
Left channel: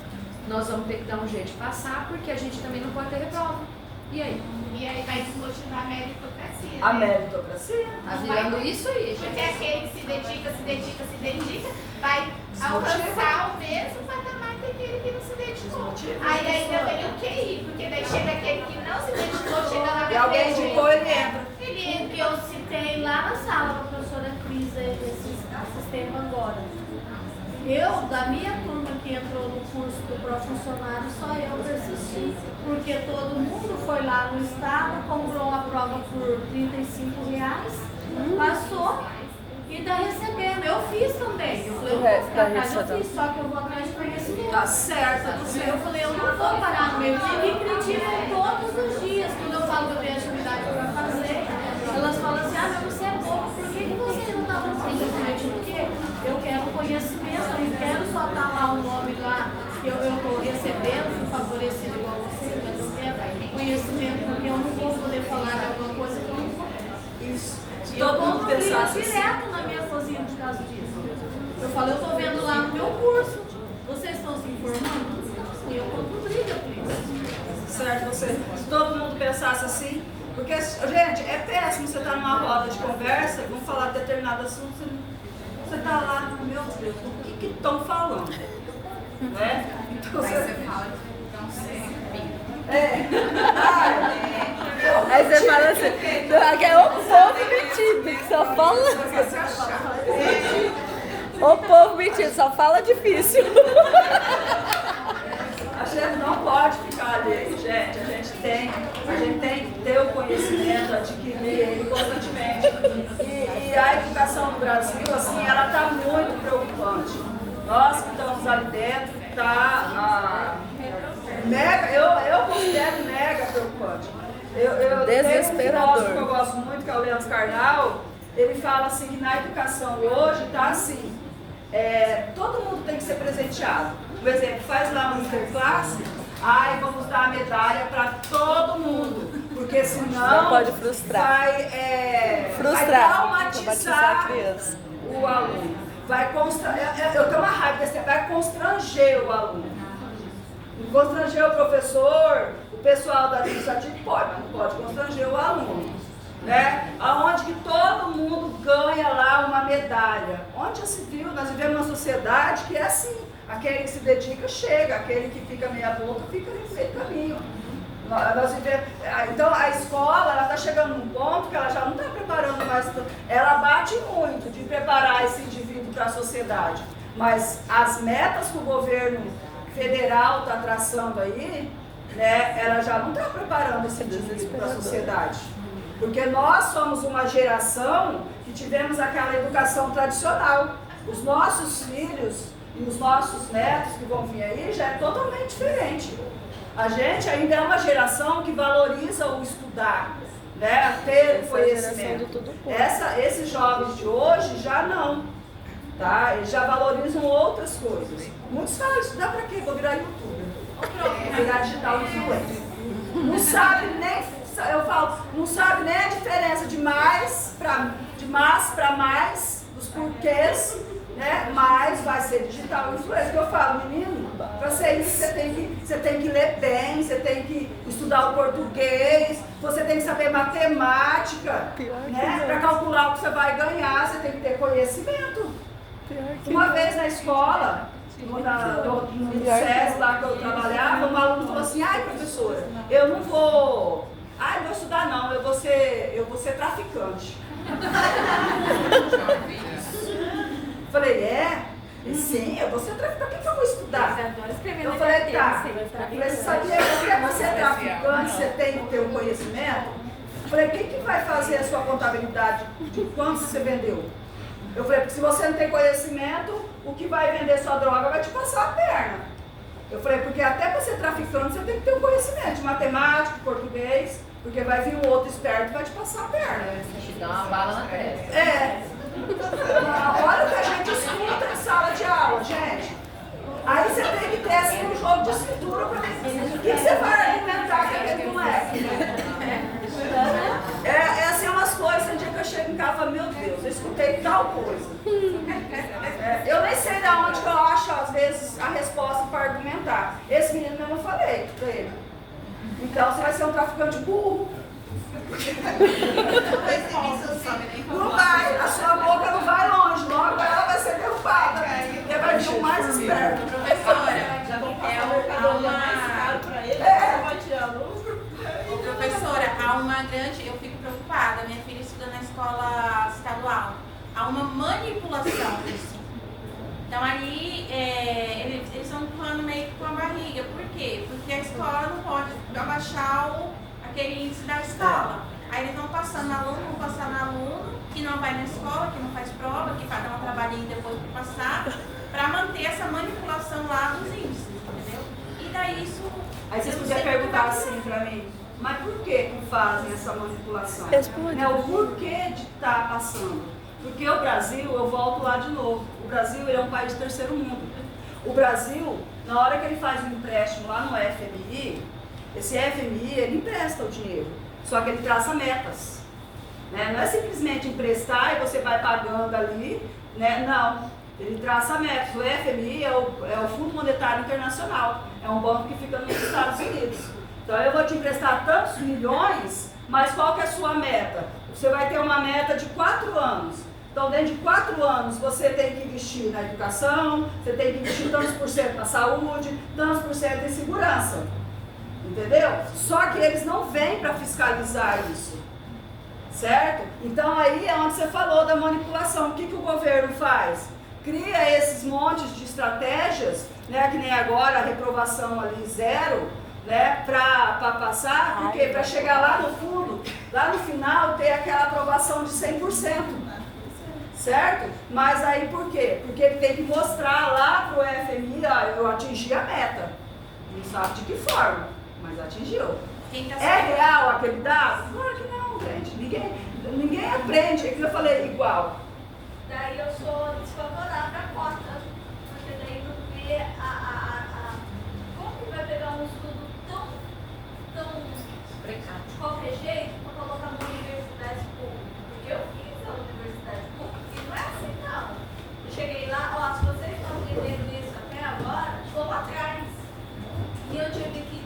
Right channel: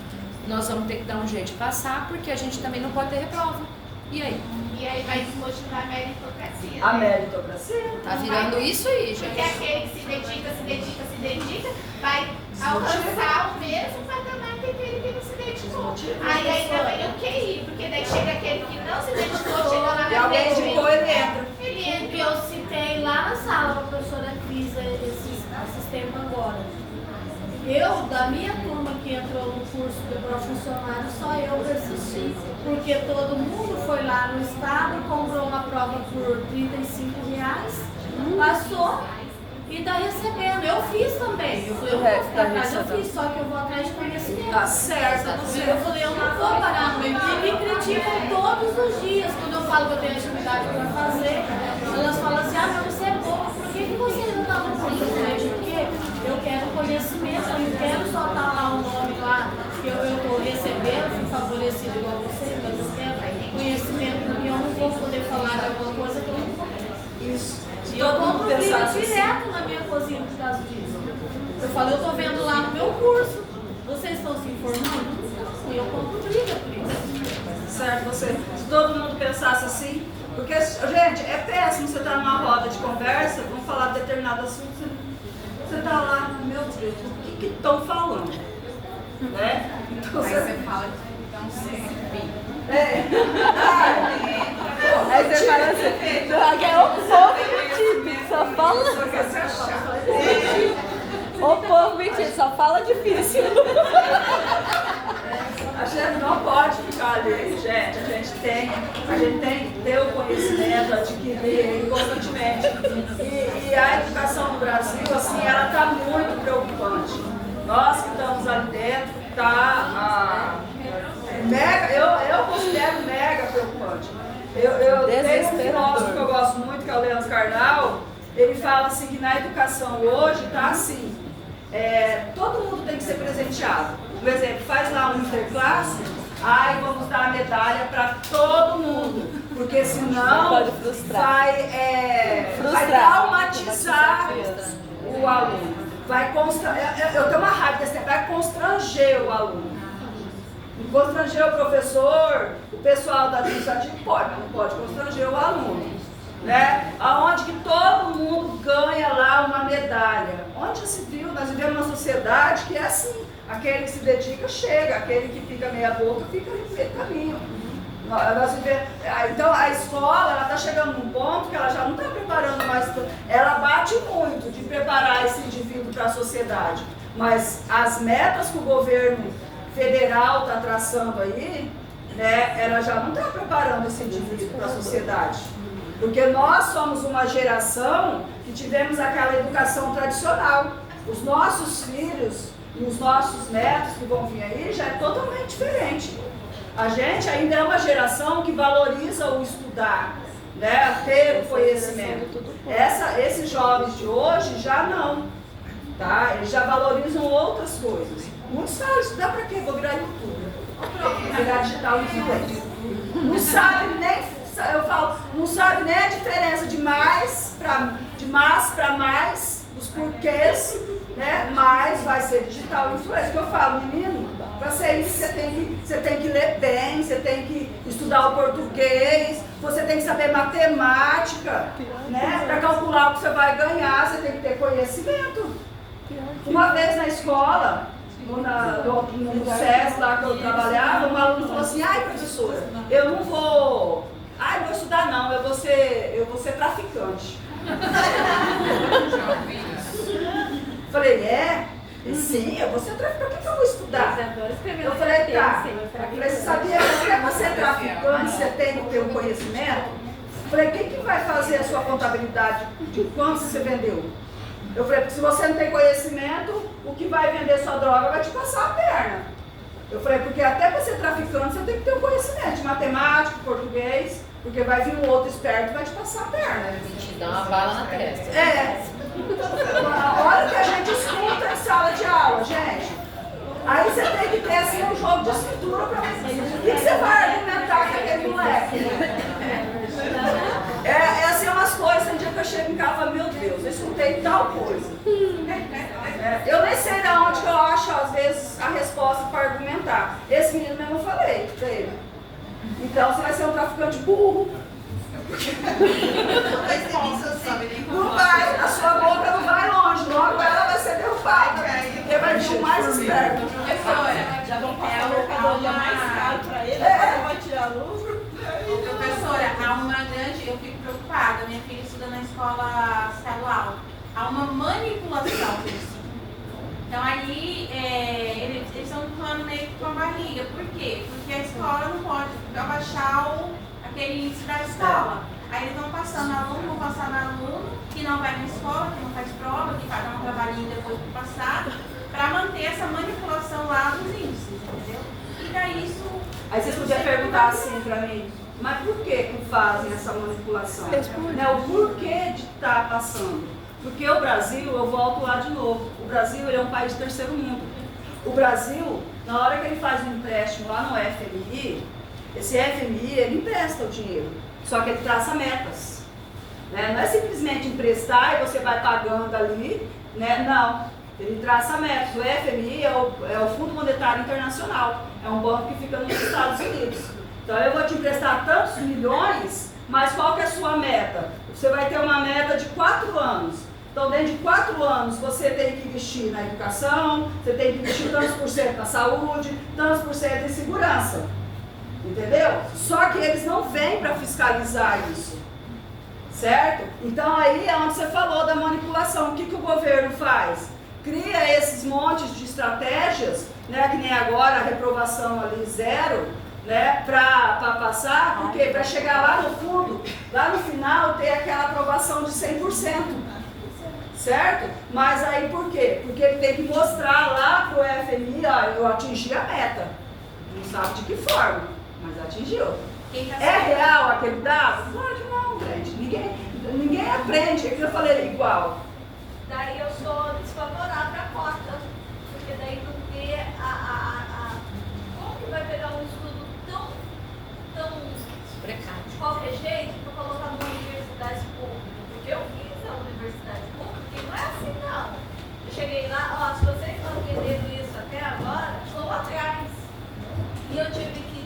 Nós vamos ter que dar um jeito de passar, porque a gente também não pode ter reprova. E aí? E aí vai desmotivar a meritocracia. A meritocracia. Tá virando isso aí, gente. Porque aquele que se dedica, vai alcançar o mesmo patamar que aquele que não se dedicou. Aí ainda vem o QI, porque daí chega aquele que não se dedicou, chega lá E alguém indicou, ele entra. Ele entra. Que eu citei lá na sala com a professora Cris esses tempos agora. Eu, da minha turma que entrou no curso para funcionário, só eu persisti, porque todo mundo foi lá no estado, comprou uma prova por R$35, passou e está recebendo. Eu fiz também. Eu falei, eu vou ficar atrás, eu fiz, só que eu vou atrás de conhecimento. Tá certo, Eu falei, eu não vou parar no meio. E me criticam todos os dias, quando eu falo que eu tenho atividade para fazer. Elas falam assim, mas você é boa, por que você não está no conhecimento? Porque eu quero conhecimento, eu não quero só estar lá o nome lá, que eu estou recebendo, fui favorecido igual você, mas eu quero conhecimento, porque eu não vou poder falar de alguma coisa que eu não vou. Isso. Se Eu todo mundo compro briga pensasse assim. direto na minha cozinha por causa disso. Eu falo, eu estou vendo lá no meu curso, vocês estão se informando? Não, eu compro briga por isso. Certo, você. Se todo mundo pensasse assim, porque, gente, é péssimo você estar numa roda de conversa, vamos falar de determinado assunto, você está lá, meu Deus, o que estão falando? Né? Então, Aí você fala, então sempre. Aí você fala assim, é o povo metido, só fala. Você se achar. O povo metido, só fala difícil. A gente não pode ficar ali, gente. A gente tem que ter o conhecimento, adquirir ele constantemente. E a educação no Brasil, assim, ela está muito preocupante. Nós que estamos ali dentro, está mega, eu considero mega preocupante. Eu tenho um filósofo que eu gosto muito, que é o Leandro Carnal. Ele fala assim que na educação hoje está assim, todo mundo tem que ser presenteado. Por exemplo, faz lá um interclasse, vamos dar a medalha para todo mundo, porque senão vai traumatizar o aluno. Eu tenho uma raiva desse tempo, vai constranger o aluno. Constranger o professor, o pessoal da administrativa pode, mas não pode constranger o aluno. Né? Aonde que todo mundo ganha lá uma medalha. Onde já se viu? Nós vivemos uma sociedade que é assim. Aquele que se dedica chega, aquele que fica meia boca fica no meio caminho. Então a escola ela está chegando num ponto que ela já não está preparando mais. Ela bate muito de preparar esse indivíduo para a sociedade. Mas as metas que o governo federal está traçando aí, né, ela já não está preparando esse indivíduo para a sociedade. Porque nós somos uma geração que tivemos aquela educação tradicional. Os nossos filhos e os nossos netos que vão vir aí já é totalmente diferente. A gente ainda é uma geração que valoriza o estudar, né, ter o conhecimento. Esses jovens de hoje já não, tá? Eles já valorizam outras coisas. Muitos falam, estudar para quê? Vou virar youtuber, vou virar digital influencer. Não sabe nem, eu falo, não sabe nem a diferença de mais para mais, dos porquês, né? Mas vai ser digital influencer. Que eu falo, menino, para ser isso você tem que ler bem, você tem que estudar o português, você tem que saber matemática, né? Para calcular o que você vai ganhar, você tem que ter conhecimento. Uma vez na escola, no SES lá que eu trabalhava, um aluno falou assim, professora, eu não vou estudar não, eu vou ser traficante. Falei, sim, eu vou ser traficante, por que eu vou estudar? Eu falei, tá. Eu falei, sabia que para ser traficante você tem que ter um conhecimento? Eu falei, quem que vai fazer a sua contabilidade de quanto você vendeu? Eu falei, porque se você não tem conhecimento, o que vai vender sua droga vai te passar a perna. Eu falei, porque até para ser traficante você tem que ter um conhecimento de matemática, português, porque vai vir um outro esperto e vai te passar a perna. Te dá uma bala na testa. Olha o que a gente escuta em sala de aula, gente. Aí você tem que ter assim, um jogo de escritura para mim. O que você vai argumentar com aquele moleque? Assim, umas coisas, um dia que eu chego em casa e falo, meu Deus, eu escutei tal coisa. Eu nem sei de onde que eu acho, às vezes, a resposta para argumentar. Esse menino mesmo eu falei pra ele. Então você vai ser um traficante burro. Não vai, a sua boca não vai longe, logo ela vai ser derrubada. Porque vai vir o mais esperto. Professora, já vão passar a mercadoria mais caro para ele, vai tirar a luz. Professora, eu fico preocupada, minha filha estuda na escola estadual, há uma manipulação disso. Então aí eles estão empurrando meio que com a barriga. Por quê? Porque a escola não pode abaixar aquele índice da escola. Aí eles vão passando aluno que não vai na escola, que não faz prova, que paga um trabalhinho depois para passar, para manter essa manipulação lá dos índices, entendeu? E daí isso... Aí vocês podiam perguntar assim para mim, mas por que fazem essa manipulação? Né? O porquê de estar passando? Porque o Brasil, eu volto lá de novo, o Brasil ele é um país de terceiro mundo. O Brasil, na hora que ele faz um empréstimo lá no FMI, esse FMI ele empresta o dinheiro, só que ele traça metas. Né? Não é simplesmente emprestar e você vai pagando ali, né? Não. Ele traça metas. O FMI é o Fundo Monetário Internacional, é um banco que fica nos Estados Unidos. Então eu vou te emprestar tantos milhões, mas qual que é a sua meta? Você vai ter uma meta de 4 anos. Então dentro de 4 anos você tem que investir na educação, você tem que investir tantos por cento na saúde, tantos por cento em segurança. Entendeu? Só que eles não vêm para fiscalizar isso. Certo? Então aí é onde você falou da manipulação. O que o governo faz? Cria esses montes de estratégias, né, que nem agora a reprovação ali 0, né, para passar, porque para chegar lá no fundo, lá no final, ter aquela aprovação de 100%. Certo? Mas aí por quê? Porque ele tem que mostrar lá para o FMI, ó, eu atingi a meta. Não sabe de que forma, mas atingiu. É real aquele dado? Claro que não, gente. Ninguém aprende. É que eu falei igual. Daí eu sou desfavorável à cota, porque daí tu vê como que vai pegar um estudo tão Precário. de qualquer jeito para colocar numa universidade pública, porque eu fiz a universidade pública e não é assim não. Eu cheguei lá, ó, se vocês estão entendendo isso até agora, vou atrás. E eu tive que,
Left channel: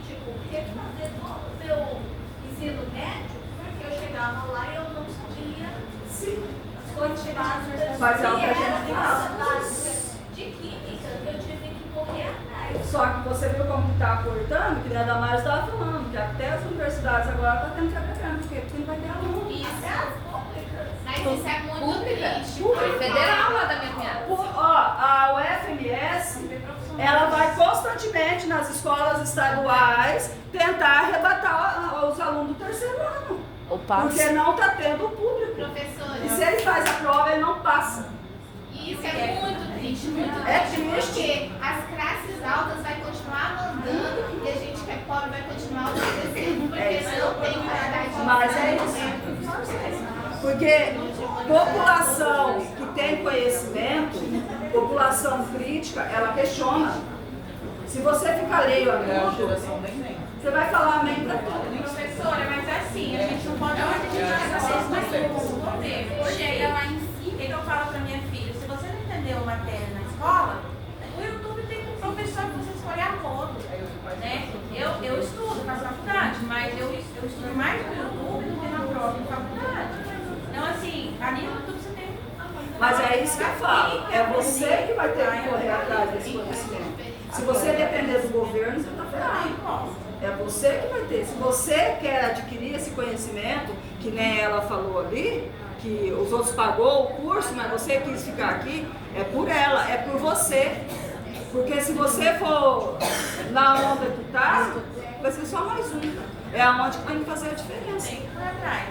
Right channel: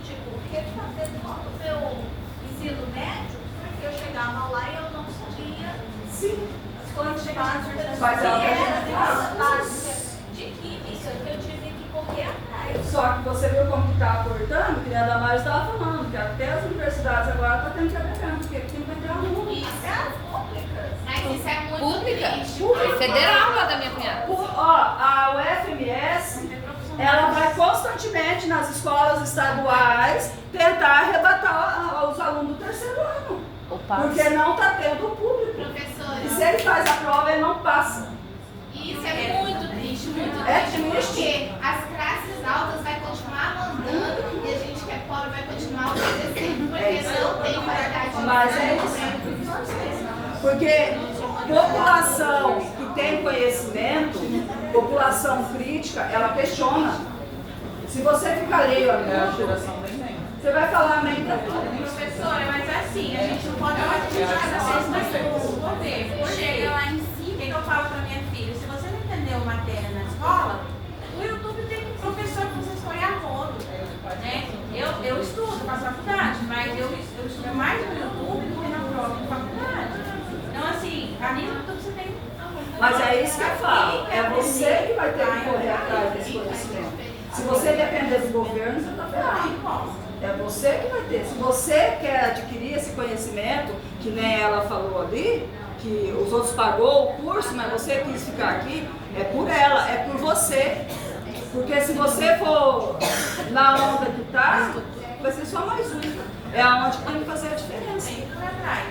refazer todo o meu ensino médio, porque eu chegava lá e eu não sabia. Sim. Mas é de química que eu tive que correr atrás. Só que você viu como está cortando, que a Damares estava falando, que até as universidades agora estão tendo que abrir, porque não vai ter aluno. Isso. As públicas. Mas isso é muito Pública? triste. Federal lá da minha cunhada. A UFMS, ela vai constantemente nas escolas estaduais tentar arrebatar os alunos do terceiro ano. Porque não está tendo público. Professora. E se ele faz a prova, ele não passa. Isso é muito triste, muito É triste, triste. porque as classes altas vai continuar mandando e a gente que é pobre vai continuar obedecendo, porque não tem qualidade. Mas é isso. Porque população que tem conhecimento, população crítica, ela questiona. Se você fica alheio a tudo, você vai falar amém pra tudo. Professora, mas assim, a gente não pode o governo. Chega lá em cima e eu falo pra minha filha, se você não entendeu matéria na escola, o YouTube tem um professor que você escolhe a rodo. Né? Eu estudo na faculdade, mas eu estudo mais no YouTube do que na prova de faculdade. Então assim, ali no YouTube você tem. Mas é isso que eu falo. É você que vai ter que correr atrás desse conhecimento. Se você depender do governo, você está ferrado. É você que vai ter. Se você quer adquirir esse conhecimento, que nem ela falou ali, que os outros pagou o curso, mas você quis ficar aqui, é por ela, é por você. Porque se você for na onda que tá, vai ser só mais um. É aonde que tem que fazer a diferença.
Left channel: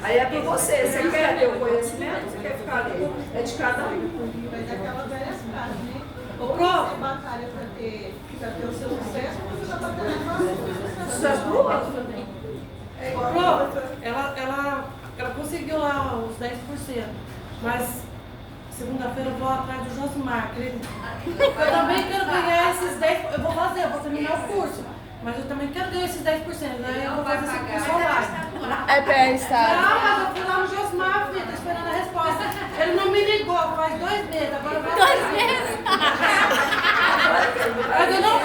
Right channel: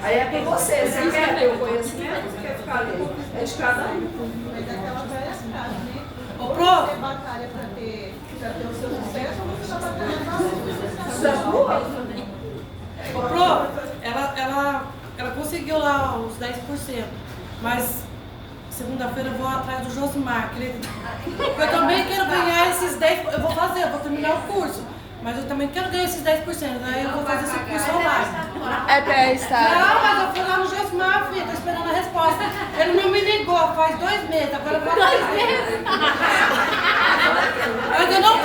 Aí é por você. Você quer ter o conhecimento ou você quer ficar ali? É de cada um. Mas é aquela velha frase, né? Ô, Ou Pro. você batalha para ter o seu sucesso, ou você vai batalhar para o seu sucesso. Isso é boa. Ô, Pro, ela conseguiu lá os 10%, mas segunda-feira eu vou atrás do Josimar, acredita? Eu também quero ganhar esses 10%, eu vou terminar o curso, mas eu também quero ganhar esses 10%, aí eu vou fazer esse curso online. É pra Não, estar. mas eu fui lá no Josimar, filha, tô esperando a resposta. Ele não me ligou, faz 2 meses, agora eu vou atrás. 2 meses? Mas eu não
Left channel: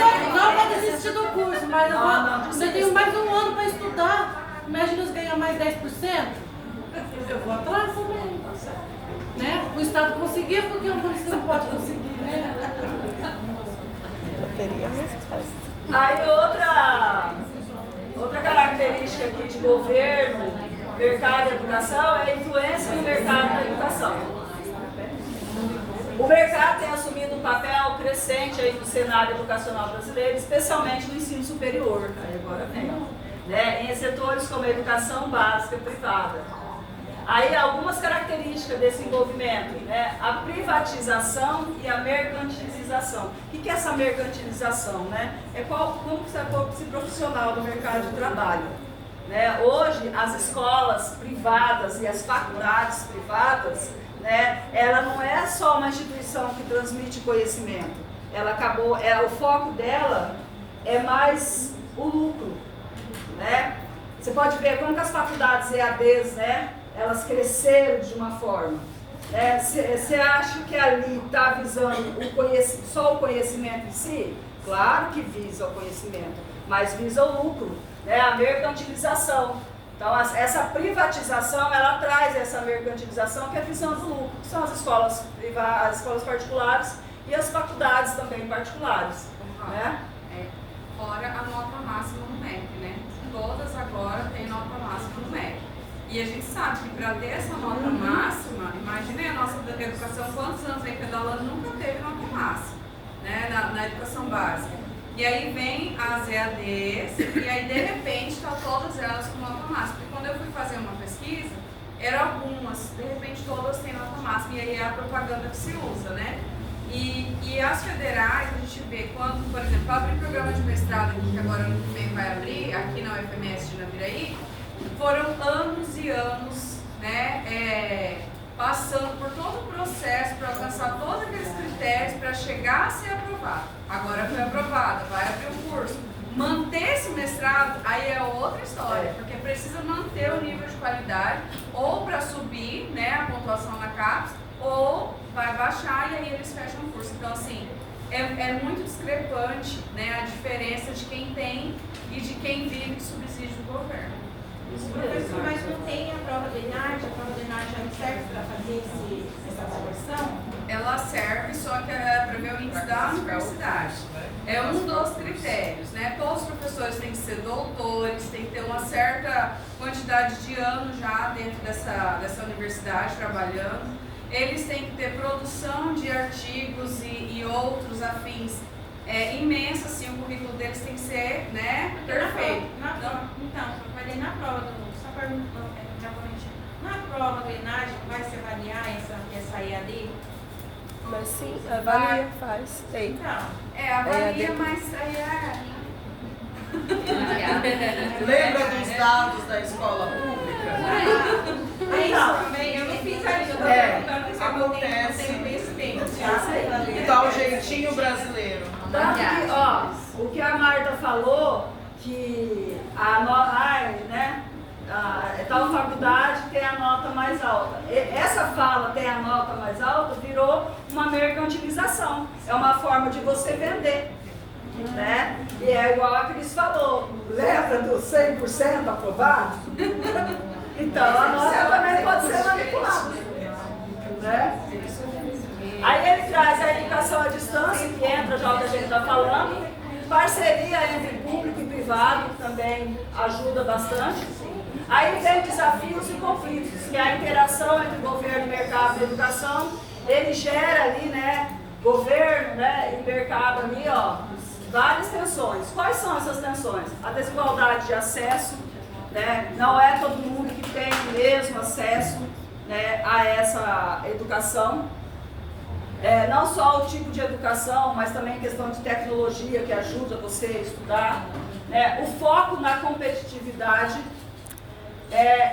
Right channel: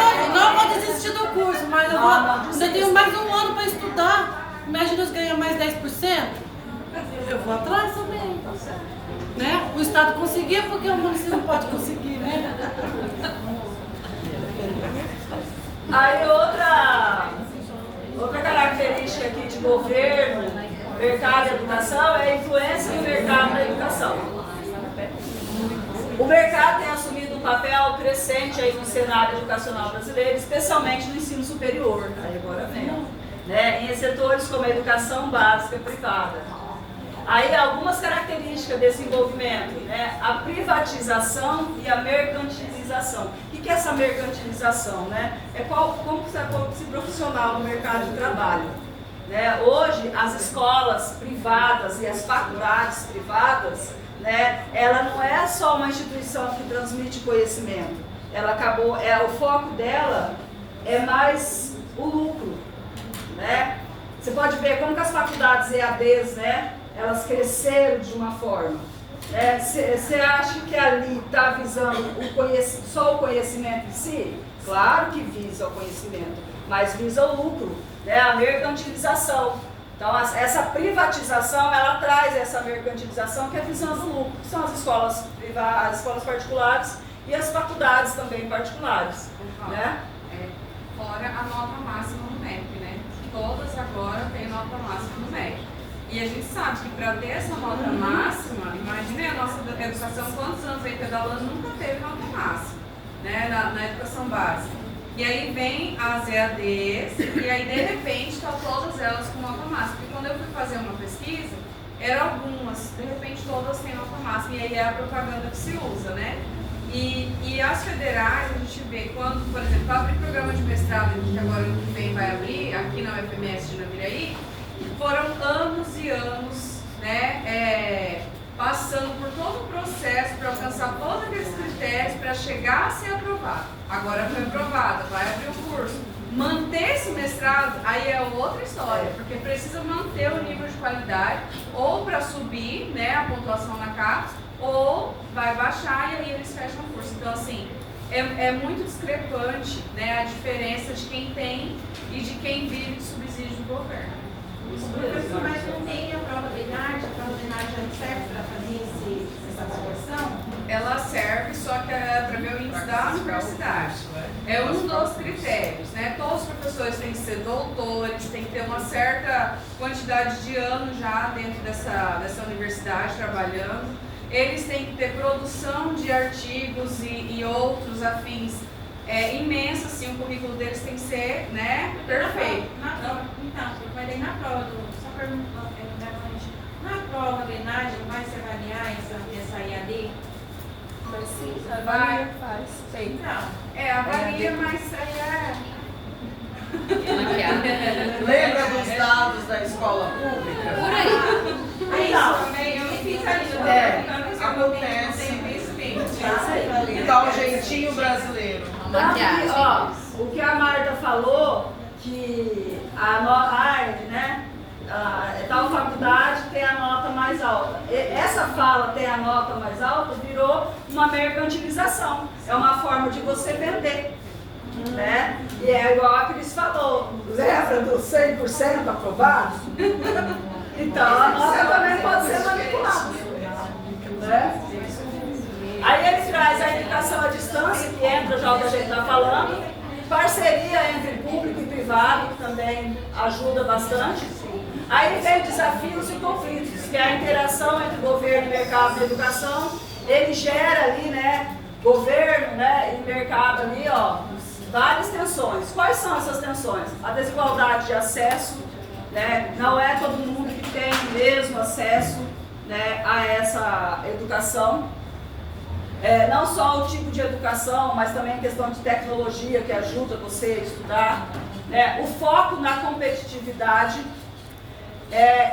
vou desistir do curso, mas eu tenho mais um ano para estudar. Imagina eu ganhar mais 10%. Eu vou atrás também. Né? O Estado conseguiu, porque o município não pode conseguir, né? Aí outra característica aqui de governo, mercado e educação é a influência do mercado na educação. O mercado tem assumido um papel crescente aí no cenário educacional brasileiro, especialmente no ensino superior. Aí agora vem, né? Em setores como a educação básica e privada. Aí algumas características desse envolvimento, né? A privatização e a mercantilização. O que é essa mercantilização, né? É como você é profissional no mercado de trabalho. Né? Hoje, as escolas privadas e as faculdades privadas, né? Ela não é só uma instituição que transmite conhecimento. Ela acabou, o foco dela é mais o lucro, né? Você pode ver como que as faculdades EADs, né? Elas cresceram de uma forma. Você acha que ali está visando só o conhecimento em si? Claro que visa o conhecimento, mas visa o lucro, né? A mercantilização. Então, essa privatização, ela traz essa mercantilização que é visando o lucro, que são as escolas privadas, as escolas particulares e as faculdades também particulares. Né? Fora a nota máxima no MEC, né? Todas agora têm nota máxima no MEC. E a gente sabe que para ter essa nota máxima, imagine a nossa educação, quantos anos aí pedalando nunca teve nota máxima, né? Na educação básica. E aí vem as EADs, e aí de repente estão todas elas com nota máxima. Porque quando eu fui fazer uma pesquisa, eram algumas, de repente todas têm nota máxima, e aí é a propaganda que se usa, né? E as federais, a gente vê quando, por exemplo, abrir programa de mestrado, que agora ano que vem vai abrir, aqui na UFMS de Naviraí, foram anos e anos, né, passando por todo o processo para alcançar todos aqueles critérios para chegar a ser aprovado. Agora foi aprovado, vai abrir o curso. Manter esse mestrado, aí é outra história, porque precisa manter o nível de qualidade, ou para subir, né, a pontuação na CAPES, ou vai baixar e aí eles fecham o curso. Então, assim, é muito discrepante, né, a diferença de quem tem e de quem vive de subsídio do governo. Professor, mas não tem a prova de ENAD? A prova de ENAD não serve para fazer essa avaliação? Ela serve, só que é para ver o índice da universidade. É um dos critérios, né? Todos os professores têm que ser doutores, tem que ter uma certa quantidade de anos já dentro dessa universidade trabalhando. Eles têm que ter produção de artigos e outros afins imensa, assim, o currículo deles tem que ser, né, perfeito. Então, eu falei na prova, só perguntou na prova de ENAD vai se avaliar essa IAD? Mas sim, avalia, faz, tem. Então, avalia, mas aí Lembra dos dados da escola pública? Por aí. Acontece. Dá um jeitinho brasileiro. Então, ó, o que a Marta falou, que tal faculdade tem a nota mais alta. Essa fala tem a nota mais alta virou uma mercantilização. É uma forma de você vender. Né? E é igual a Cris falou, lembra do 100% aprovado? Então a nota também pode ser manipulada. Né? Aí ele traz a educação à distância, que entra já o que a gente está falando, parceria entre público e privado, que também ajuda bastante. Aí vem desafios e conflitos, que é a interação entre governo e mercado da educação, ele gera ali, né, governo, né, e mercado ali, ó, várias tensões. Quais são essas tensões? A desigualdade de acesso, né? Não é todo mundo que tem o mesmo acesso, né, a essa educação. Não só o tipo de educação, mas também a questão de tecnologia que ajuda você a estudar. Né? O foco na competitividade,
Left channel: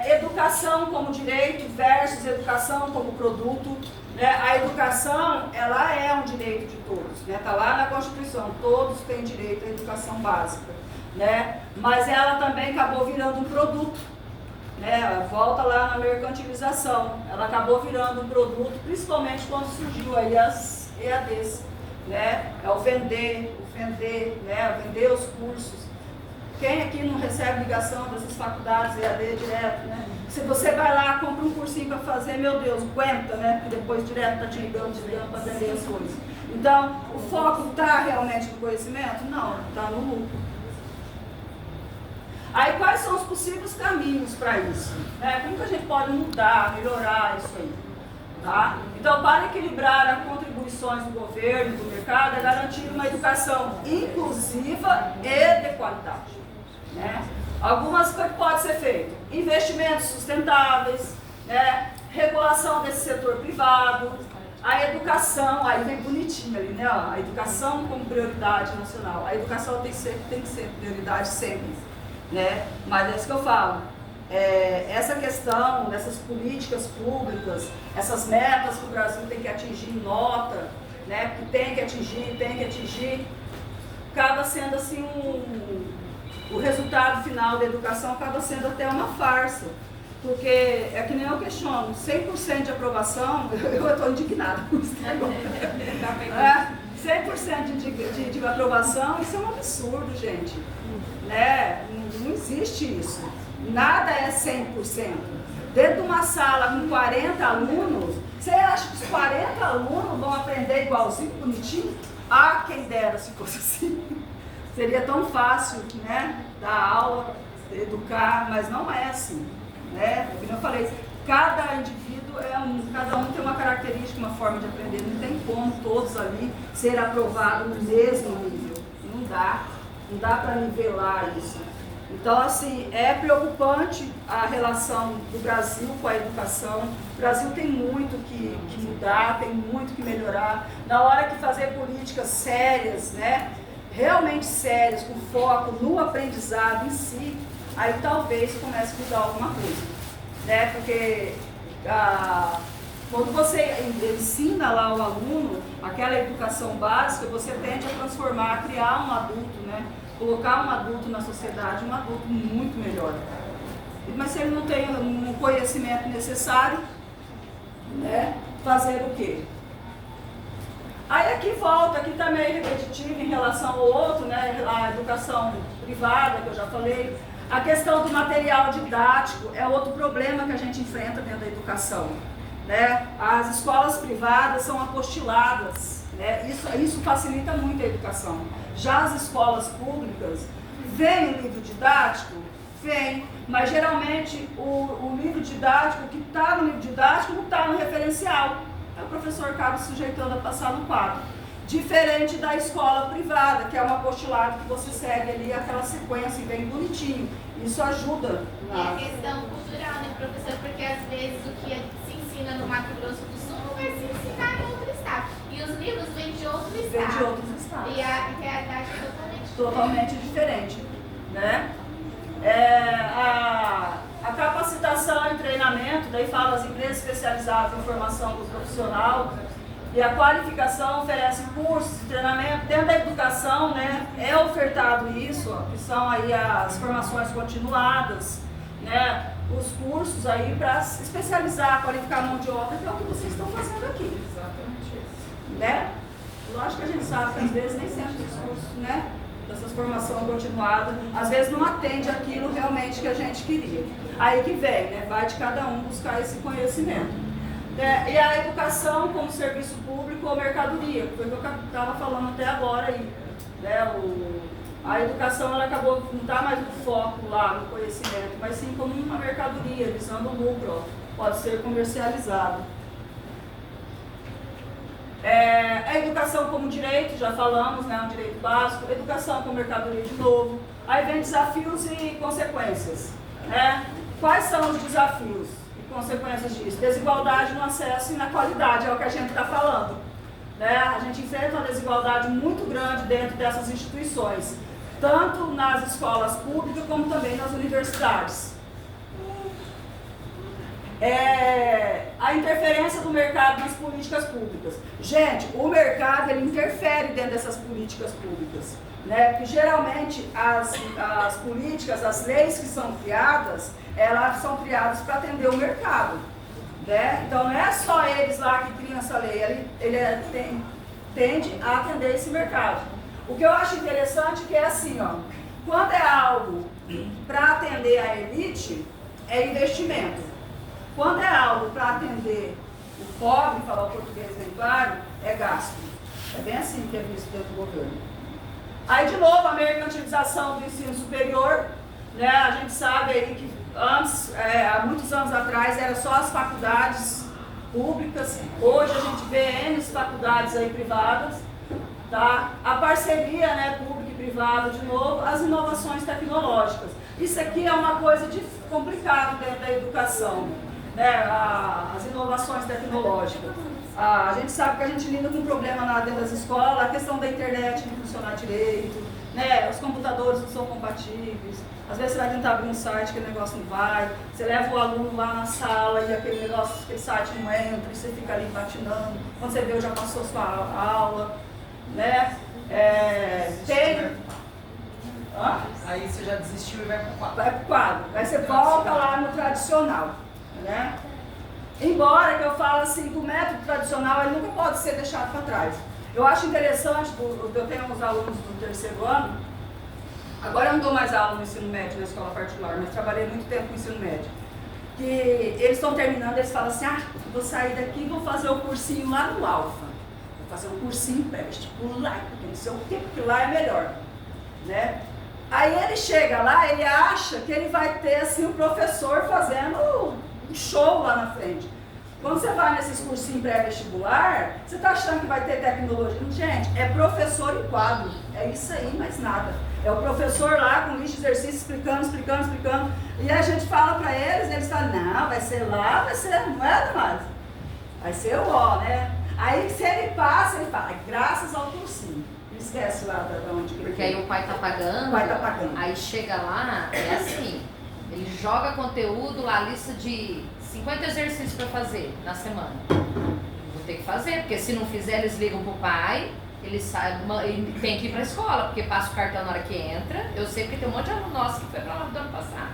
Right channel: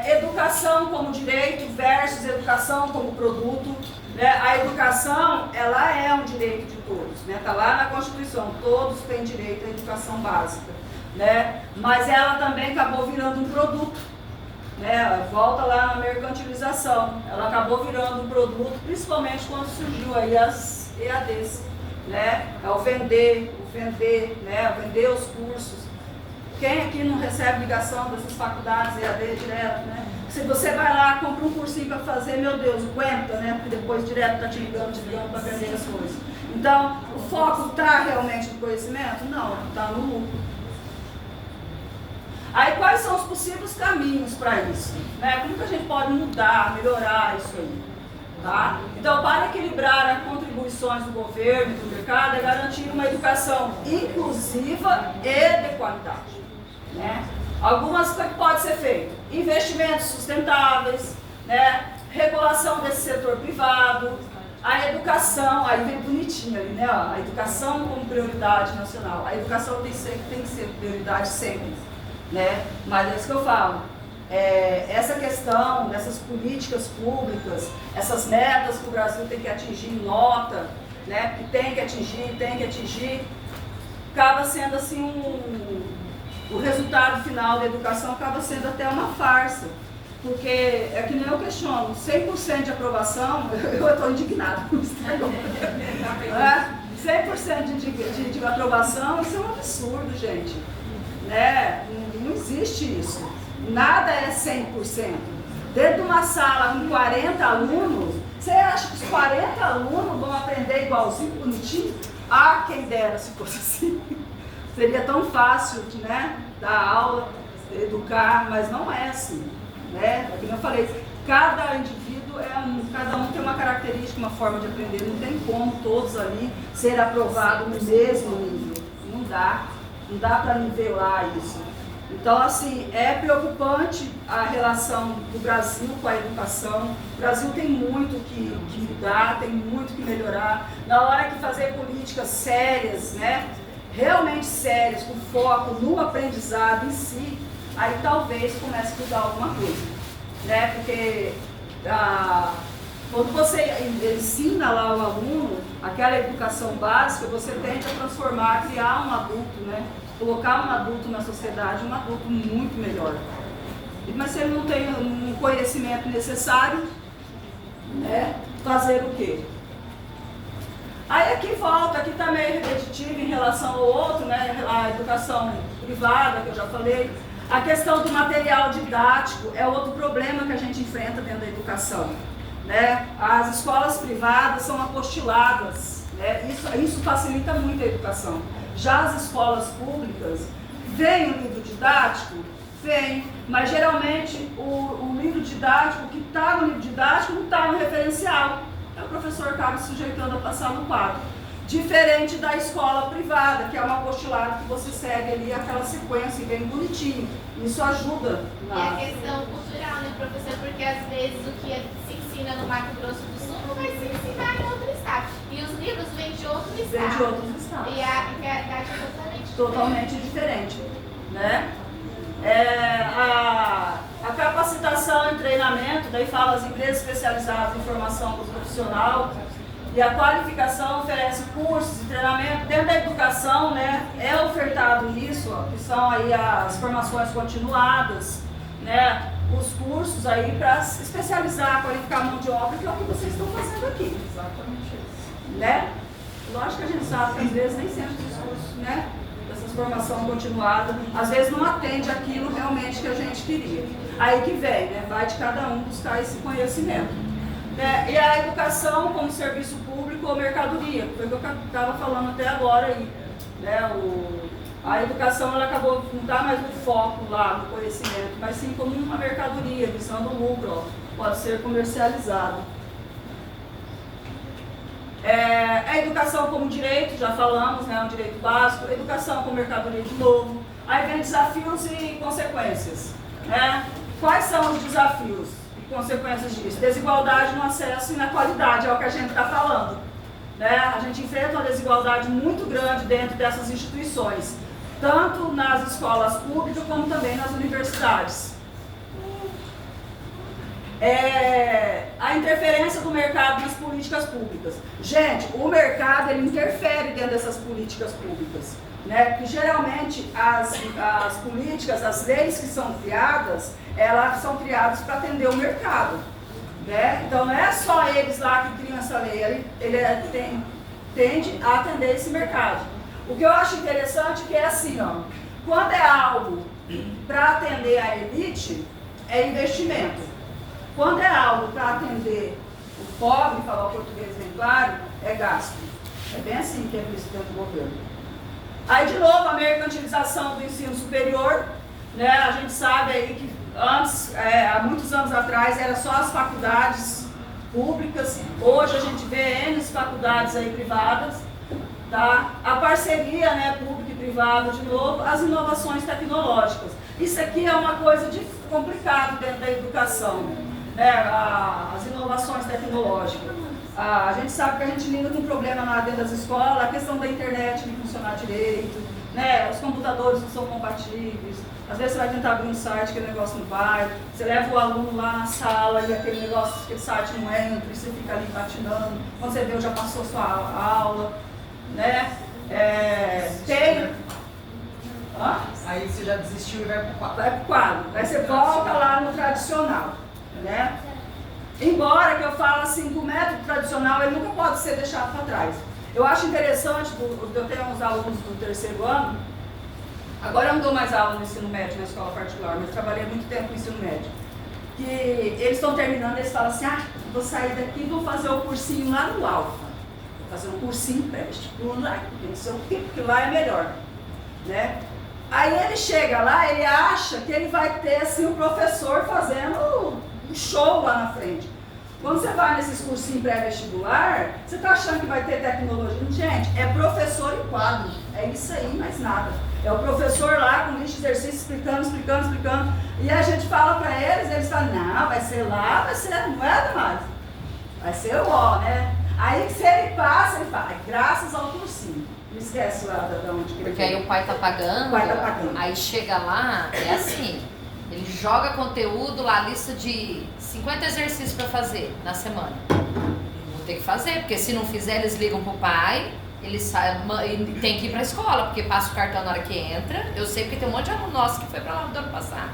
educação como direito versus educação como produto. Né? A educação, ela é um direito de todos, né? Tá lá na Constituição, todos têm direito à educação básica, né? Mas ela também acabou virando um produto, né? Ela volta lá na mercantilização, ela acabou virando um produto, principalmente quando surgiu aí as EADs, né? É o vender, né? Vender os cursos. Quem aqui não recebe ligação dessas faculdades EAD direto, né? Se você vai lá, compra um cursinho para fazer, meu Deus, aguenta, né? Porque depois direto está te ligando para aprender as coisas. Então, o foco está realmente no conhecimento? Não, está no lucro. Aí, quais são os possíveis caminhos para isso? Como que a gente pode mudar, melhorar isso aí? Tá? Então, para equilibrar as contribuições do governo e do mercado, é garantir uma educação inclusiva e de qualidade. Né? Algumas coisas que pode ser feito: investimentos sustentáveis, né? Regulação desse setor privado, a educação, aí vem bonitinho ali, né? A educação como prioridade nacional. A educação tem que ser prioridade sempre, né? Mas é isso que eu falo. Essa questão dessas políticas públicas, essas metas que o Brasil tem que atingir, nota, né? Que tem que atingir, acaba sendo assim o resultado final da educação acaba sendo até uma farsa, porque é que nem eu questiono, 100% de aprovação, eu estou indignada com isso. 100% de aprovação, isso é um absurdo, gente. Né? Não existe isso. Nada é 100%. Dentro de uma sala com 40 alunos, você acha que os 40 alunos vão aprender igualzinho, bonitinho? Ah, quem dera se fosse assim. Seria tão fácil, né, dar aula, educar, mas não é assim, né? Como eu falei, cada indivíduo cada um tem uma característica, uma forma de aprender, não tem como todos ali ser aprovados no mesmo nível, não dá para nivelar isso. Então, assim, é preocupante a relação do Brasil com a educação. O Brasil tem muito que mudar, tem muito que melhorar. Na hora que fazer políticas sérias, né, realmente sérias, com foco no aprendizado em si, aí talvez comece a mudar alguma coisa, né? Porque quando você ensina lá o aluno aquela educação básica, você tende a transformar, a criar um adulto, né? Colocar um adulto na sociedade, um adulto muito melhor. Mas se ele não tem um conhecimento necessário, né? Fazer o quê? Aí aqui volta, aqui está meio repetitivo em relação ao outro, né? A educação privada, que eu já falei. A questão do material didático é outro problema que a gente enfrenta dentro da educação, né? As escolas privadas são apostiladas, né? Isso facilita muito a educação. Já as escolas públicas, vem o livro didático? Vem, mas geralmente o livro didático, que está no livro didático, não está no referencial. O professor acaba se sujeitando a passar no quadro. Diferente da escola privada, que é um apostolado que você segue ali aquela sequência bem bonitinho. Isso ajuda na... É a questão cultural, né, professor? Porque às vezes o que se ensina no Mato Grosso do Sul não vai se ensinar em outro estado. E os livros vêm de outro estado. Vêm de outros estados. E a realidade é totalmente diferente, né? A capacitação e treinamento, daí fala as empresas especializadas em formação do profissional, e a qualificação oferece cursos e treinamento. Dentro da educação, né, é ofertado isso, ó, que são aí as formações continuadas, né, os cursos aí para especializar, qualificar a mão de obra, que é o que vocês estão fazendo aqui. Exatamente isso. Né? Lógico que a gente sabe que às vezes nem sempre os cursos, né, dessas formações continuadas, às vezes não atende aquilo realmente que a gente queria. Aí que vem, né, vai de cada um buscar esse conhecimento. E a educação como serviço público ou mercadoria, foi o que eu estava falando até agora aí. Né? A educação ela acabou não está mais no foco lá no conhecimento, mas sim como uma mercadoria, visando o lucro, ó, pode ser comercializado. A educação como direito, já falamos, né, um direito básico, educação como mercadoria de novo. Aí vem desafios e consequências. Né? Quais são os desafios? Consequências disso, desigualdade no acesso e na qualidade, é o que a gente está falando. Né? A gente enfrenta uma desigualdade muito grande dentro dessas instituições, tanto nas escolas públicas como também nas universidades. A interferência do mercado nas políticas públicas. Gente, o mercado ele interfere dentro dessas políticas públicas. Né? Porque geralmente as políticas, as leis que são criadas, elas são criadas para atender o mercado. Né? Então não é só eles lá que criam essa lei, ele tende a atender esse mercado. O que eu acho interessante é que é assim, ó, quando é algo para atender a elite, é investimento. Quando é algo para atender o pobre, falar o português bem claro, é gasto. É bem assim que é visto dentro do governo. Aí, de novo, a mercantilização do ensino superior, né? A gente sabe aí que antes, há muitos anos atrás, era só as faculdades públicas, hoje a gente vê N faculdades aí privadas, tá? A parceria, né, pública e privada, de novo, as inovações tecnológicas. Isso aqui é uma coisa complicada dentro da educação, né? As inovações tecnológicas. A gente sabe que a gente lida com um problema lá dentro das escolas, a questão da internet não funcionar direito, né? Os computadores não são compatíveis, às vezes você vai tentar abrir um site que o negócio não vai, você leva o aluno lá na sala e aquele site não entra, e você fica ali patinando, quando você vê já passou a sua aula, né? Aí você já desistiu e vai pro quadro. Vai pro quadro, aí você volta lá no tradicional, né? Embora que eu falo assim, que o método tradicional ele nunca pode ser deixado para trás. Eu acho interessante, eu tenho uns alunos do terceiro ano, agora eu não dou mais aula no ensino médio, na escola particular, mas trabalhei muito tempo no ensino médio. Que eles estão terminando, eles falam assim, vou sair daqui e vou fazer o cursinho lá no Alfa. Vou fazer um cursinho pré-vestibular lá, não sei o quê, porque lá é melhor. Né? Aí ele chega lá, ele acha que ele vai ter assim, o professor fazendo um show lá na frente. Quando você vai nesses cursinhos pré-vestibular, você está achando que vai ter tecnologia? Gente, é professor em quadro, é isso aí, mais nada. É o professor lá com lista de exercício explicando. E a gente fala para eles falam, não, vai ser lá, vai ser, não é mais. Vai ser o ó, né? Aí se ele passa, ele fala, graças ao cursinho. Não esquece lá de onde que ele Porque aí o pai tá pagando. O pai tá pagando. Aí chega lá, é assim, ele joga conteúdo lá, lista de 50 exercícios para fazer na semana. Vou ter que fazer, porque se não fizer, eles ligam pro pai, ele tem que ir pra escola, porque passa o cartão na hora que entra. Eu sei porque tem um monte de aluno nosso que foi pra lá do ano passado.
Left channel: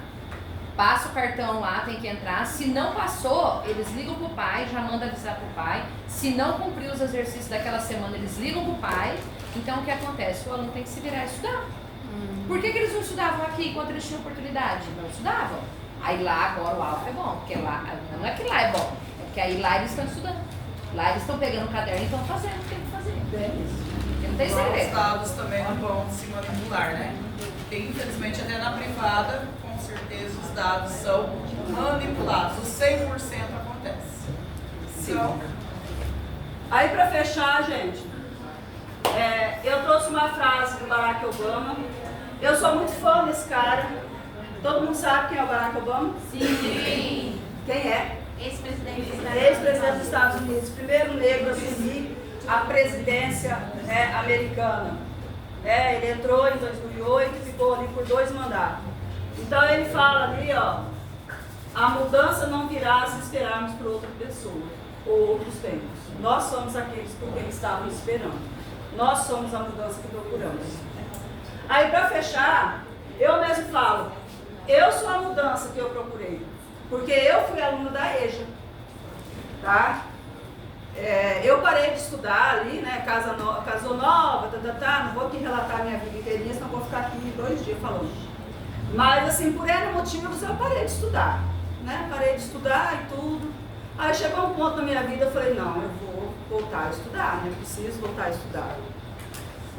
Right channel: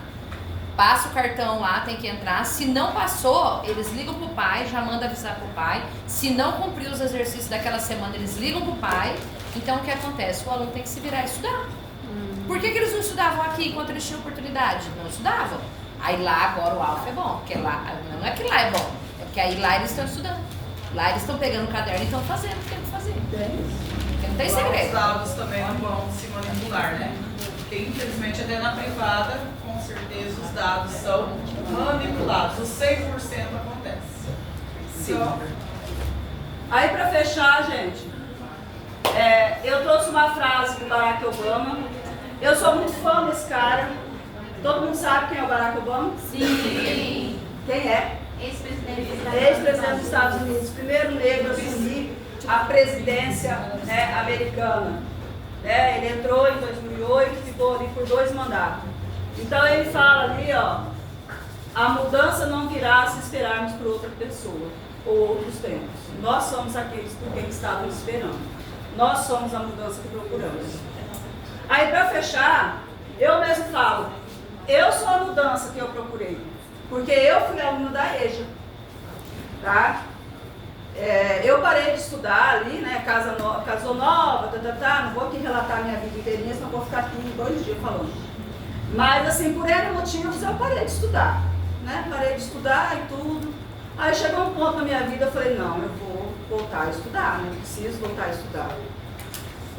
Passa o cartão lá, tem que entrar. Se não passou, eles ligam pro pai, já manda avisar pro pai. Se não cumpriu os exercícios daquela semana, eles ligam pro pai. Então o que acontece? O aluno tem que se virar e estudar. Por que eles não estudavam aqui enquanto eles tinham oportunidade? Não estudavam. Aí lá agora o alfa é bom, porque lá não é que lá é bom, é que aí lá eles estão estudando. Lá eles estão pegando o caderno e estão fazendo o que tem que fazer. Não tem segredo. Os dados também não vão se manipular, né? Porque infelizmente até na privada, com certeza os dados são manipulados. O 100% acontece. Sim. Então, aí para fechar, gente, eu trouxe uma frase do Barack Obama. Eu sou muito fã desse cara. Todo mundo sabe quem é o Barack Obama? Sim. Quem é? Ex-presidente dos Estados Unidos. Primeiro negro a assumir a presidência, né, americana. Né? Ele entrou em 2008 e ficou ali por 2 mandatos. Então ele fala ali, ó, a mudança não virá se esperarmos por outra pessoa ou outros tempos. Nós somos aqueles por quem estávamos esperando. Nós somos a mudança que procuramos. Aí para fechar, eu mesmo falo, eu sou a mudança que eu procurei, porque eu fui aluna da EJA, tá? Eu parei de estudar ali, né, casou nova, não vou aqui relatar a minha vida inteirinha, senão vou ficar aqui 2 dias falando. Mas assim, por N motivos eu parei de estudar, né, parei de estudar e tudo. Aí chegou um ponto na minha vida, eu falei, não, eu vou voltar a estudar, né, preciso voltar a estudar.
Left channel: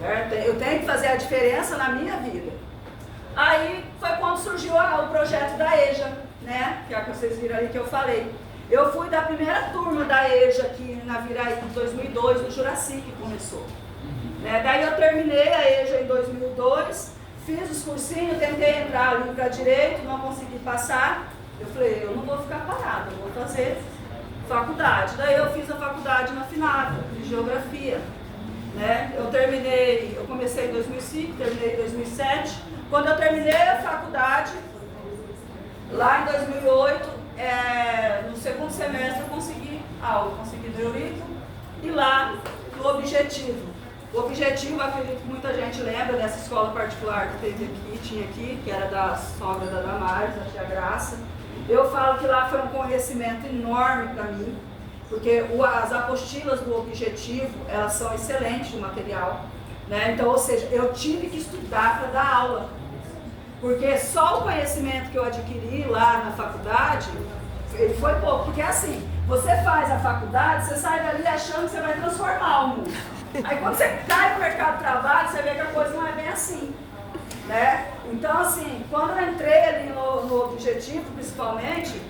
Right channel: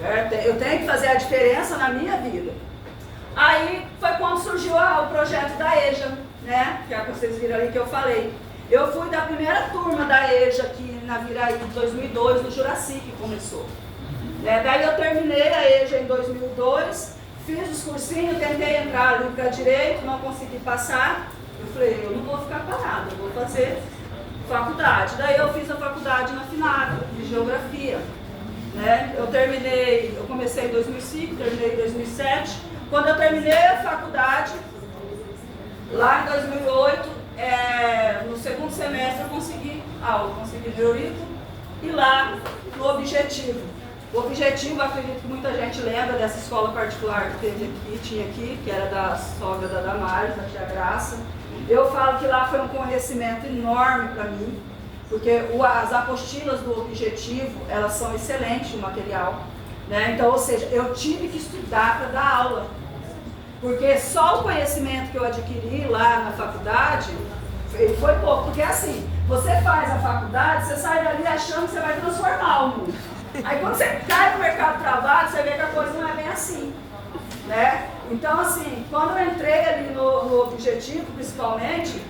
Certo? Eu tenho que fazer a diferença na minha vida. Aí foi quando surgiu o projeto da EJA, né? Que é o que vocês viram ali que eu falei. Eu fui da primeira turma da EJA aqui na Viraí de 2002, no Juraci que começou. Né? Daí eu terminei a EJA em 2002, fiz os cursinhos, tentei entrar ali para direito, não consegui passar. Eu falei, eu não vou ficar parada, eu vou fazer faculdade. Daí eu fiz a faculdade na FINAG, de Geografia. Né? Eu comecei em 2005, terminei em 2007. Quando eu terminei a faculdade, lá em 2008, no segundo semestre eu consegui aula, consegui neurito e lá no Objetivo. O Objetivo, acredito que muita gente lembra dessa escola particular que tinha aqui, que era da sogra da Damares, da tia Graça. Eu falo que lá foi um conhecimento enorme para mim, porque as apostilas do Objetivo, elas são excelentes, o material. Né? Então, ou seja, eu tive que estudar para dar aula. Porque só o conhecimento que eu adquiri lá na faculdade, ele foi pouco. Porque assim, você faz a faculdade, você sai dali achando que você vai transformar o mundo. Aí quando você cai no mercado de trabalho, você vê que a coisa não é bem assim. Né? Então, assim, quando eu entrei ali no Objetivo, principalmente,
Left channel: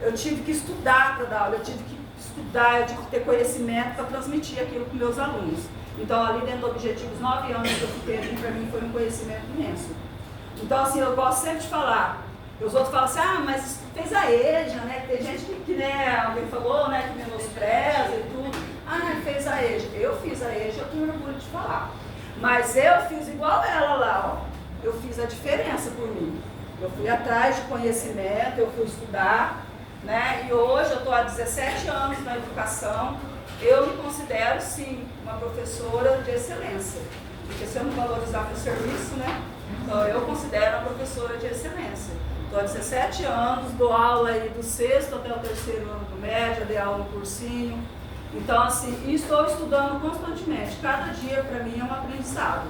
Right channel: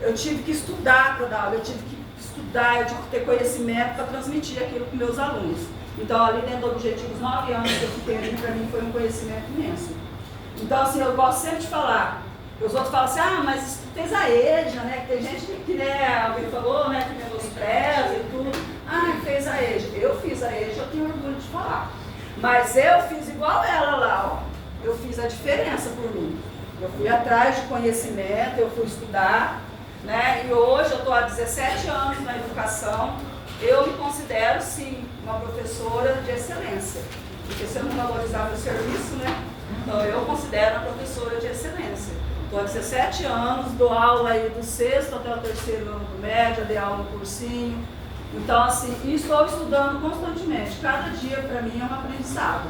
eu tive que estudar para dar aula, eu tive que estudar, eu tive que ter conhecimento para transmitir aquilo para os meus alunos. Então, ali dentro do Objetivo, os 9 anos que eu fiquei ali, para mim foi um conhecimento imenso. Então, assim, eu gosto sempre de falar. Os outros falam assim, mas fez a EJA, né? Tem gente que né, alguém falou, né, que menospreza e tudo. Fez a EJA. Eu fiz a EJA, eu tenho orgulho de falar. Mas eu fiz igual ela lá, ó. Eu fiz a diferença por mim. Eu fui atrás de conhecimento, eu fui estudar, né? E hoje eu estou há 17 anos na educação. Eu me considero, sim, uma professora de excelência. Porque se eu não valorizar meu serviço, né? Então eu considero uma professora de excelência. Estou há 17 anos, dou aula aí do 6º até o 3º ano do médio, dei aula no cursinho. Então, assim, e estou estudando constantemente. Cada dia, para mim, é um aprendizado.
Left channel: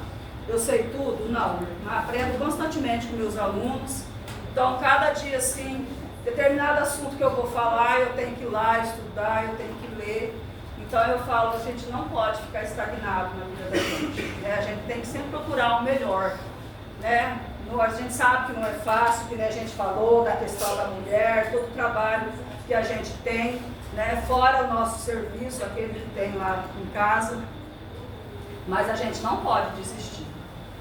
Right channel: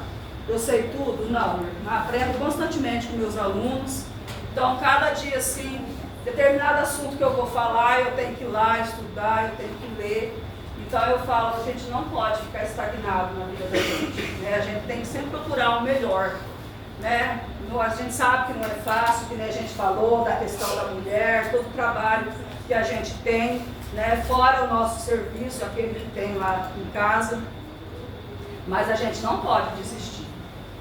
Eu sei tudo? Não. Aprendo constantemente com meus alunos. Então, cada dia, assim, determinado assunto que eu vou falar, eu tenho que ir lá estudar, eu tenho que ler. Então, eu falo, a gente não pode ficar estagnado na vida da gente. Né? A gente tem que sempre procurar o melhor. Né? A gente sabe que não é fácil, que a gente falou da questão da mulher, todo o trabalho que a gente tem, né? Fora o nosso serviço, aquele que tem lá em casa. Mas a gente não pode desistir.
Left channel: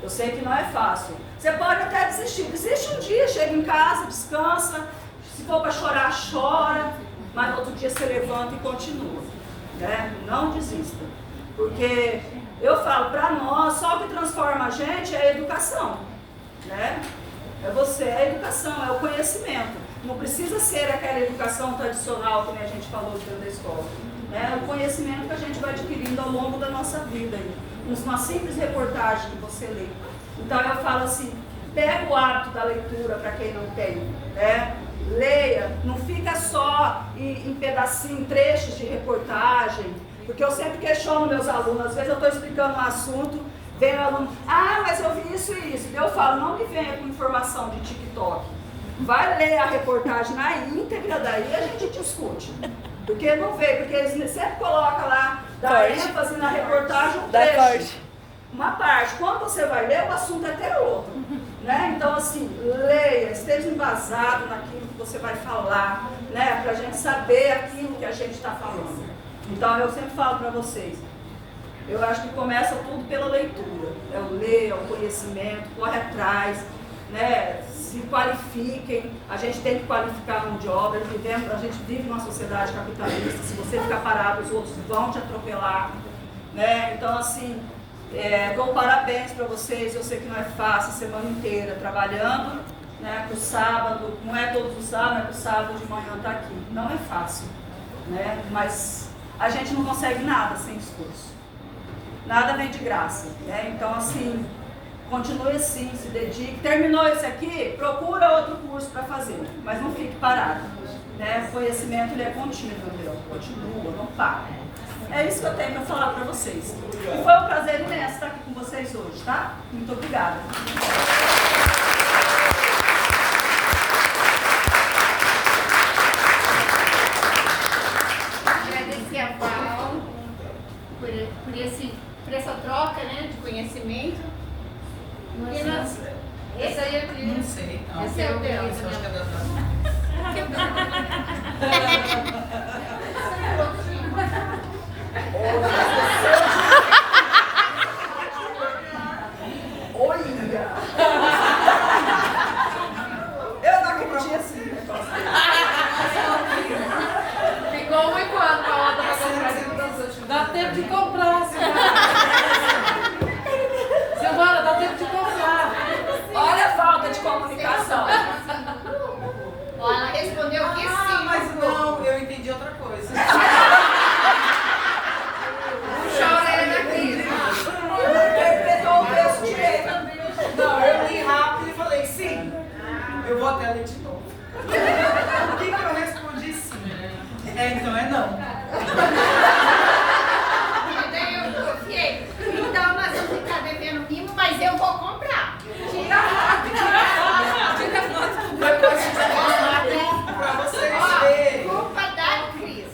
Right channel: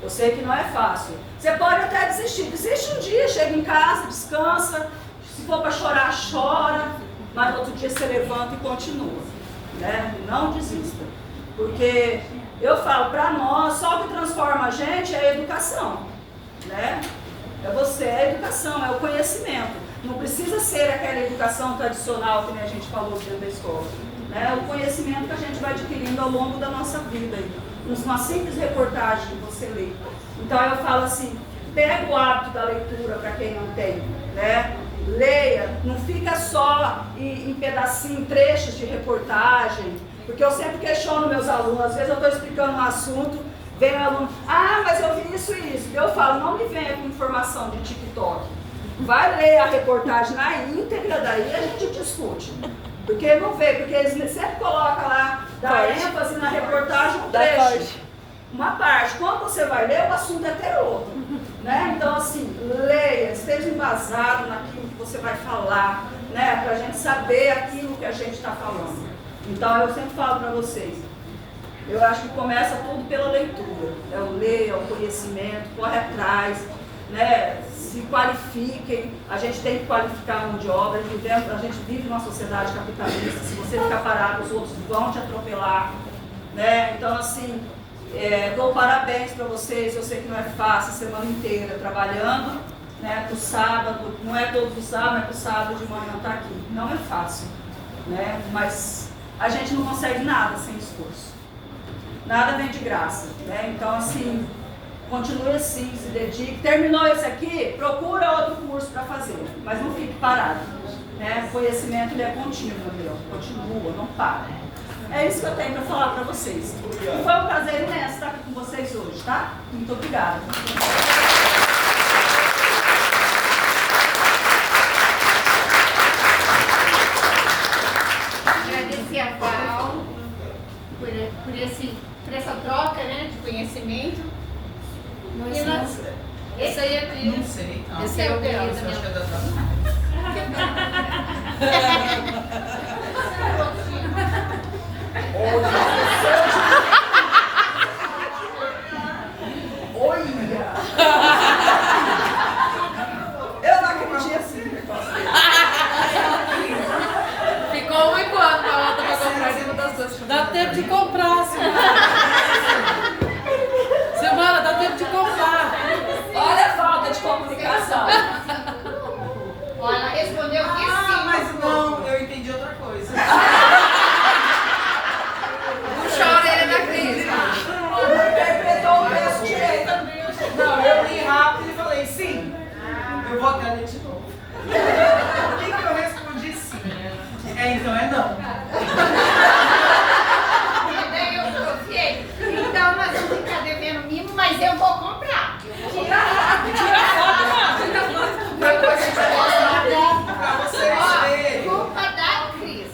Eu sei que não é fácil. Você pode até desistir. Desiste um dia, chega em casa, descansa. Se for para chorar, chora. Mas outro dia você levanta e continua. Né? Não desista. Porque eu falo, para nós, só o que transforma a gente é a educação. Né? É você, é a educação, é o conhecimento. Não precisa ser aquela educação tradicional que a gente falou dentro da escola. É o conhecimento que a gente vai adquirindo ao longo da nossa vida. Uma simples reportagem que você lê. Então eu falo assim, pega o hábito da leitura para quem não tem. Né? Leia, não fica só em pedacinho, em trechos de reportagem. Porque eu sempre questiono meus alunos, às vezes eu estou explicando um assunto, vem o aluno, mas eu vi isso e isso. Eu falo, não me venha com informação de TikTok. Vai ler a reportagem na íntegra, daí a gente discute. Porque não vê, porque eles sempre colocam lá, dá ênfase na reportagem, um trecho, uma parte. Quando você vai ler, o assunto é ter outro. Né? Então, assim, leia, esteja embasado naquilo que você vai falar, né? Para a gente saber aquilo que a gente está falando. Então, eu sempre falo para vocês, eu acho que começa tudo pela leitura. É o ler, é o conhecimento, corre atrás, né? Se qualifiquem, a gente tem que qualificar a mão de obra, a gente vive numa sociedade capitalista, se você ficar parado, os outros vão te atropelar, né? Então, assim, dou parabéns para vocês, eu sei que não é fácil a semana inteira trabalhando, né? Pro sábado, não é todos os sábados, mas pro sábado de manhã tá aqui, não é fácil, né? Mas a gente não consegue nada sem esforço, nada vem de graça, né? Então, assim, continue assim, se dedique. Terminou esse aqui, procura outro curso para fazer, mas não fique parado. Né? O conhecimento ele é contínuo, meu. Continua, não para. É isso que eu tenho para falar para vocês. E foi um prazer imenso estar aqui com vocês hoje, tá? Muito obrigada. Agradecer a Val por essa troca, né, de conhecimento. Esse aí é Cris. Não sei, tá? Esse é o dela. Acho que é da Olha! Eu não acreditei assim. Ficou um igual com a outra para comprar de mudança. Dá tempo de comprar, Semana, dá tempo de comprar. Olha a falta de comunicação. Ela respondeu que sim. Mas não, eu entendi outra coisa. Não chora, ele é da Cris. Interpretou o texto direito. Não, eu li rápido e falei sim. Eu vou até ler de novo. Por que eu respondi sim? Então é não. E daí eu confiei. Então nós vamos ficar devendo mimo, mas eu vou comprar. Tira Depois a gente vai mostrar pra vocês verem. culpa da Cris.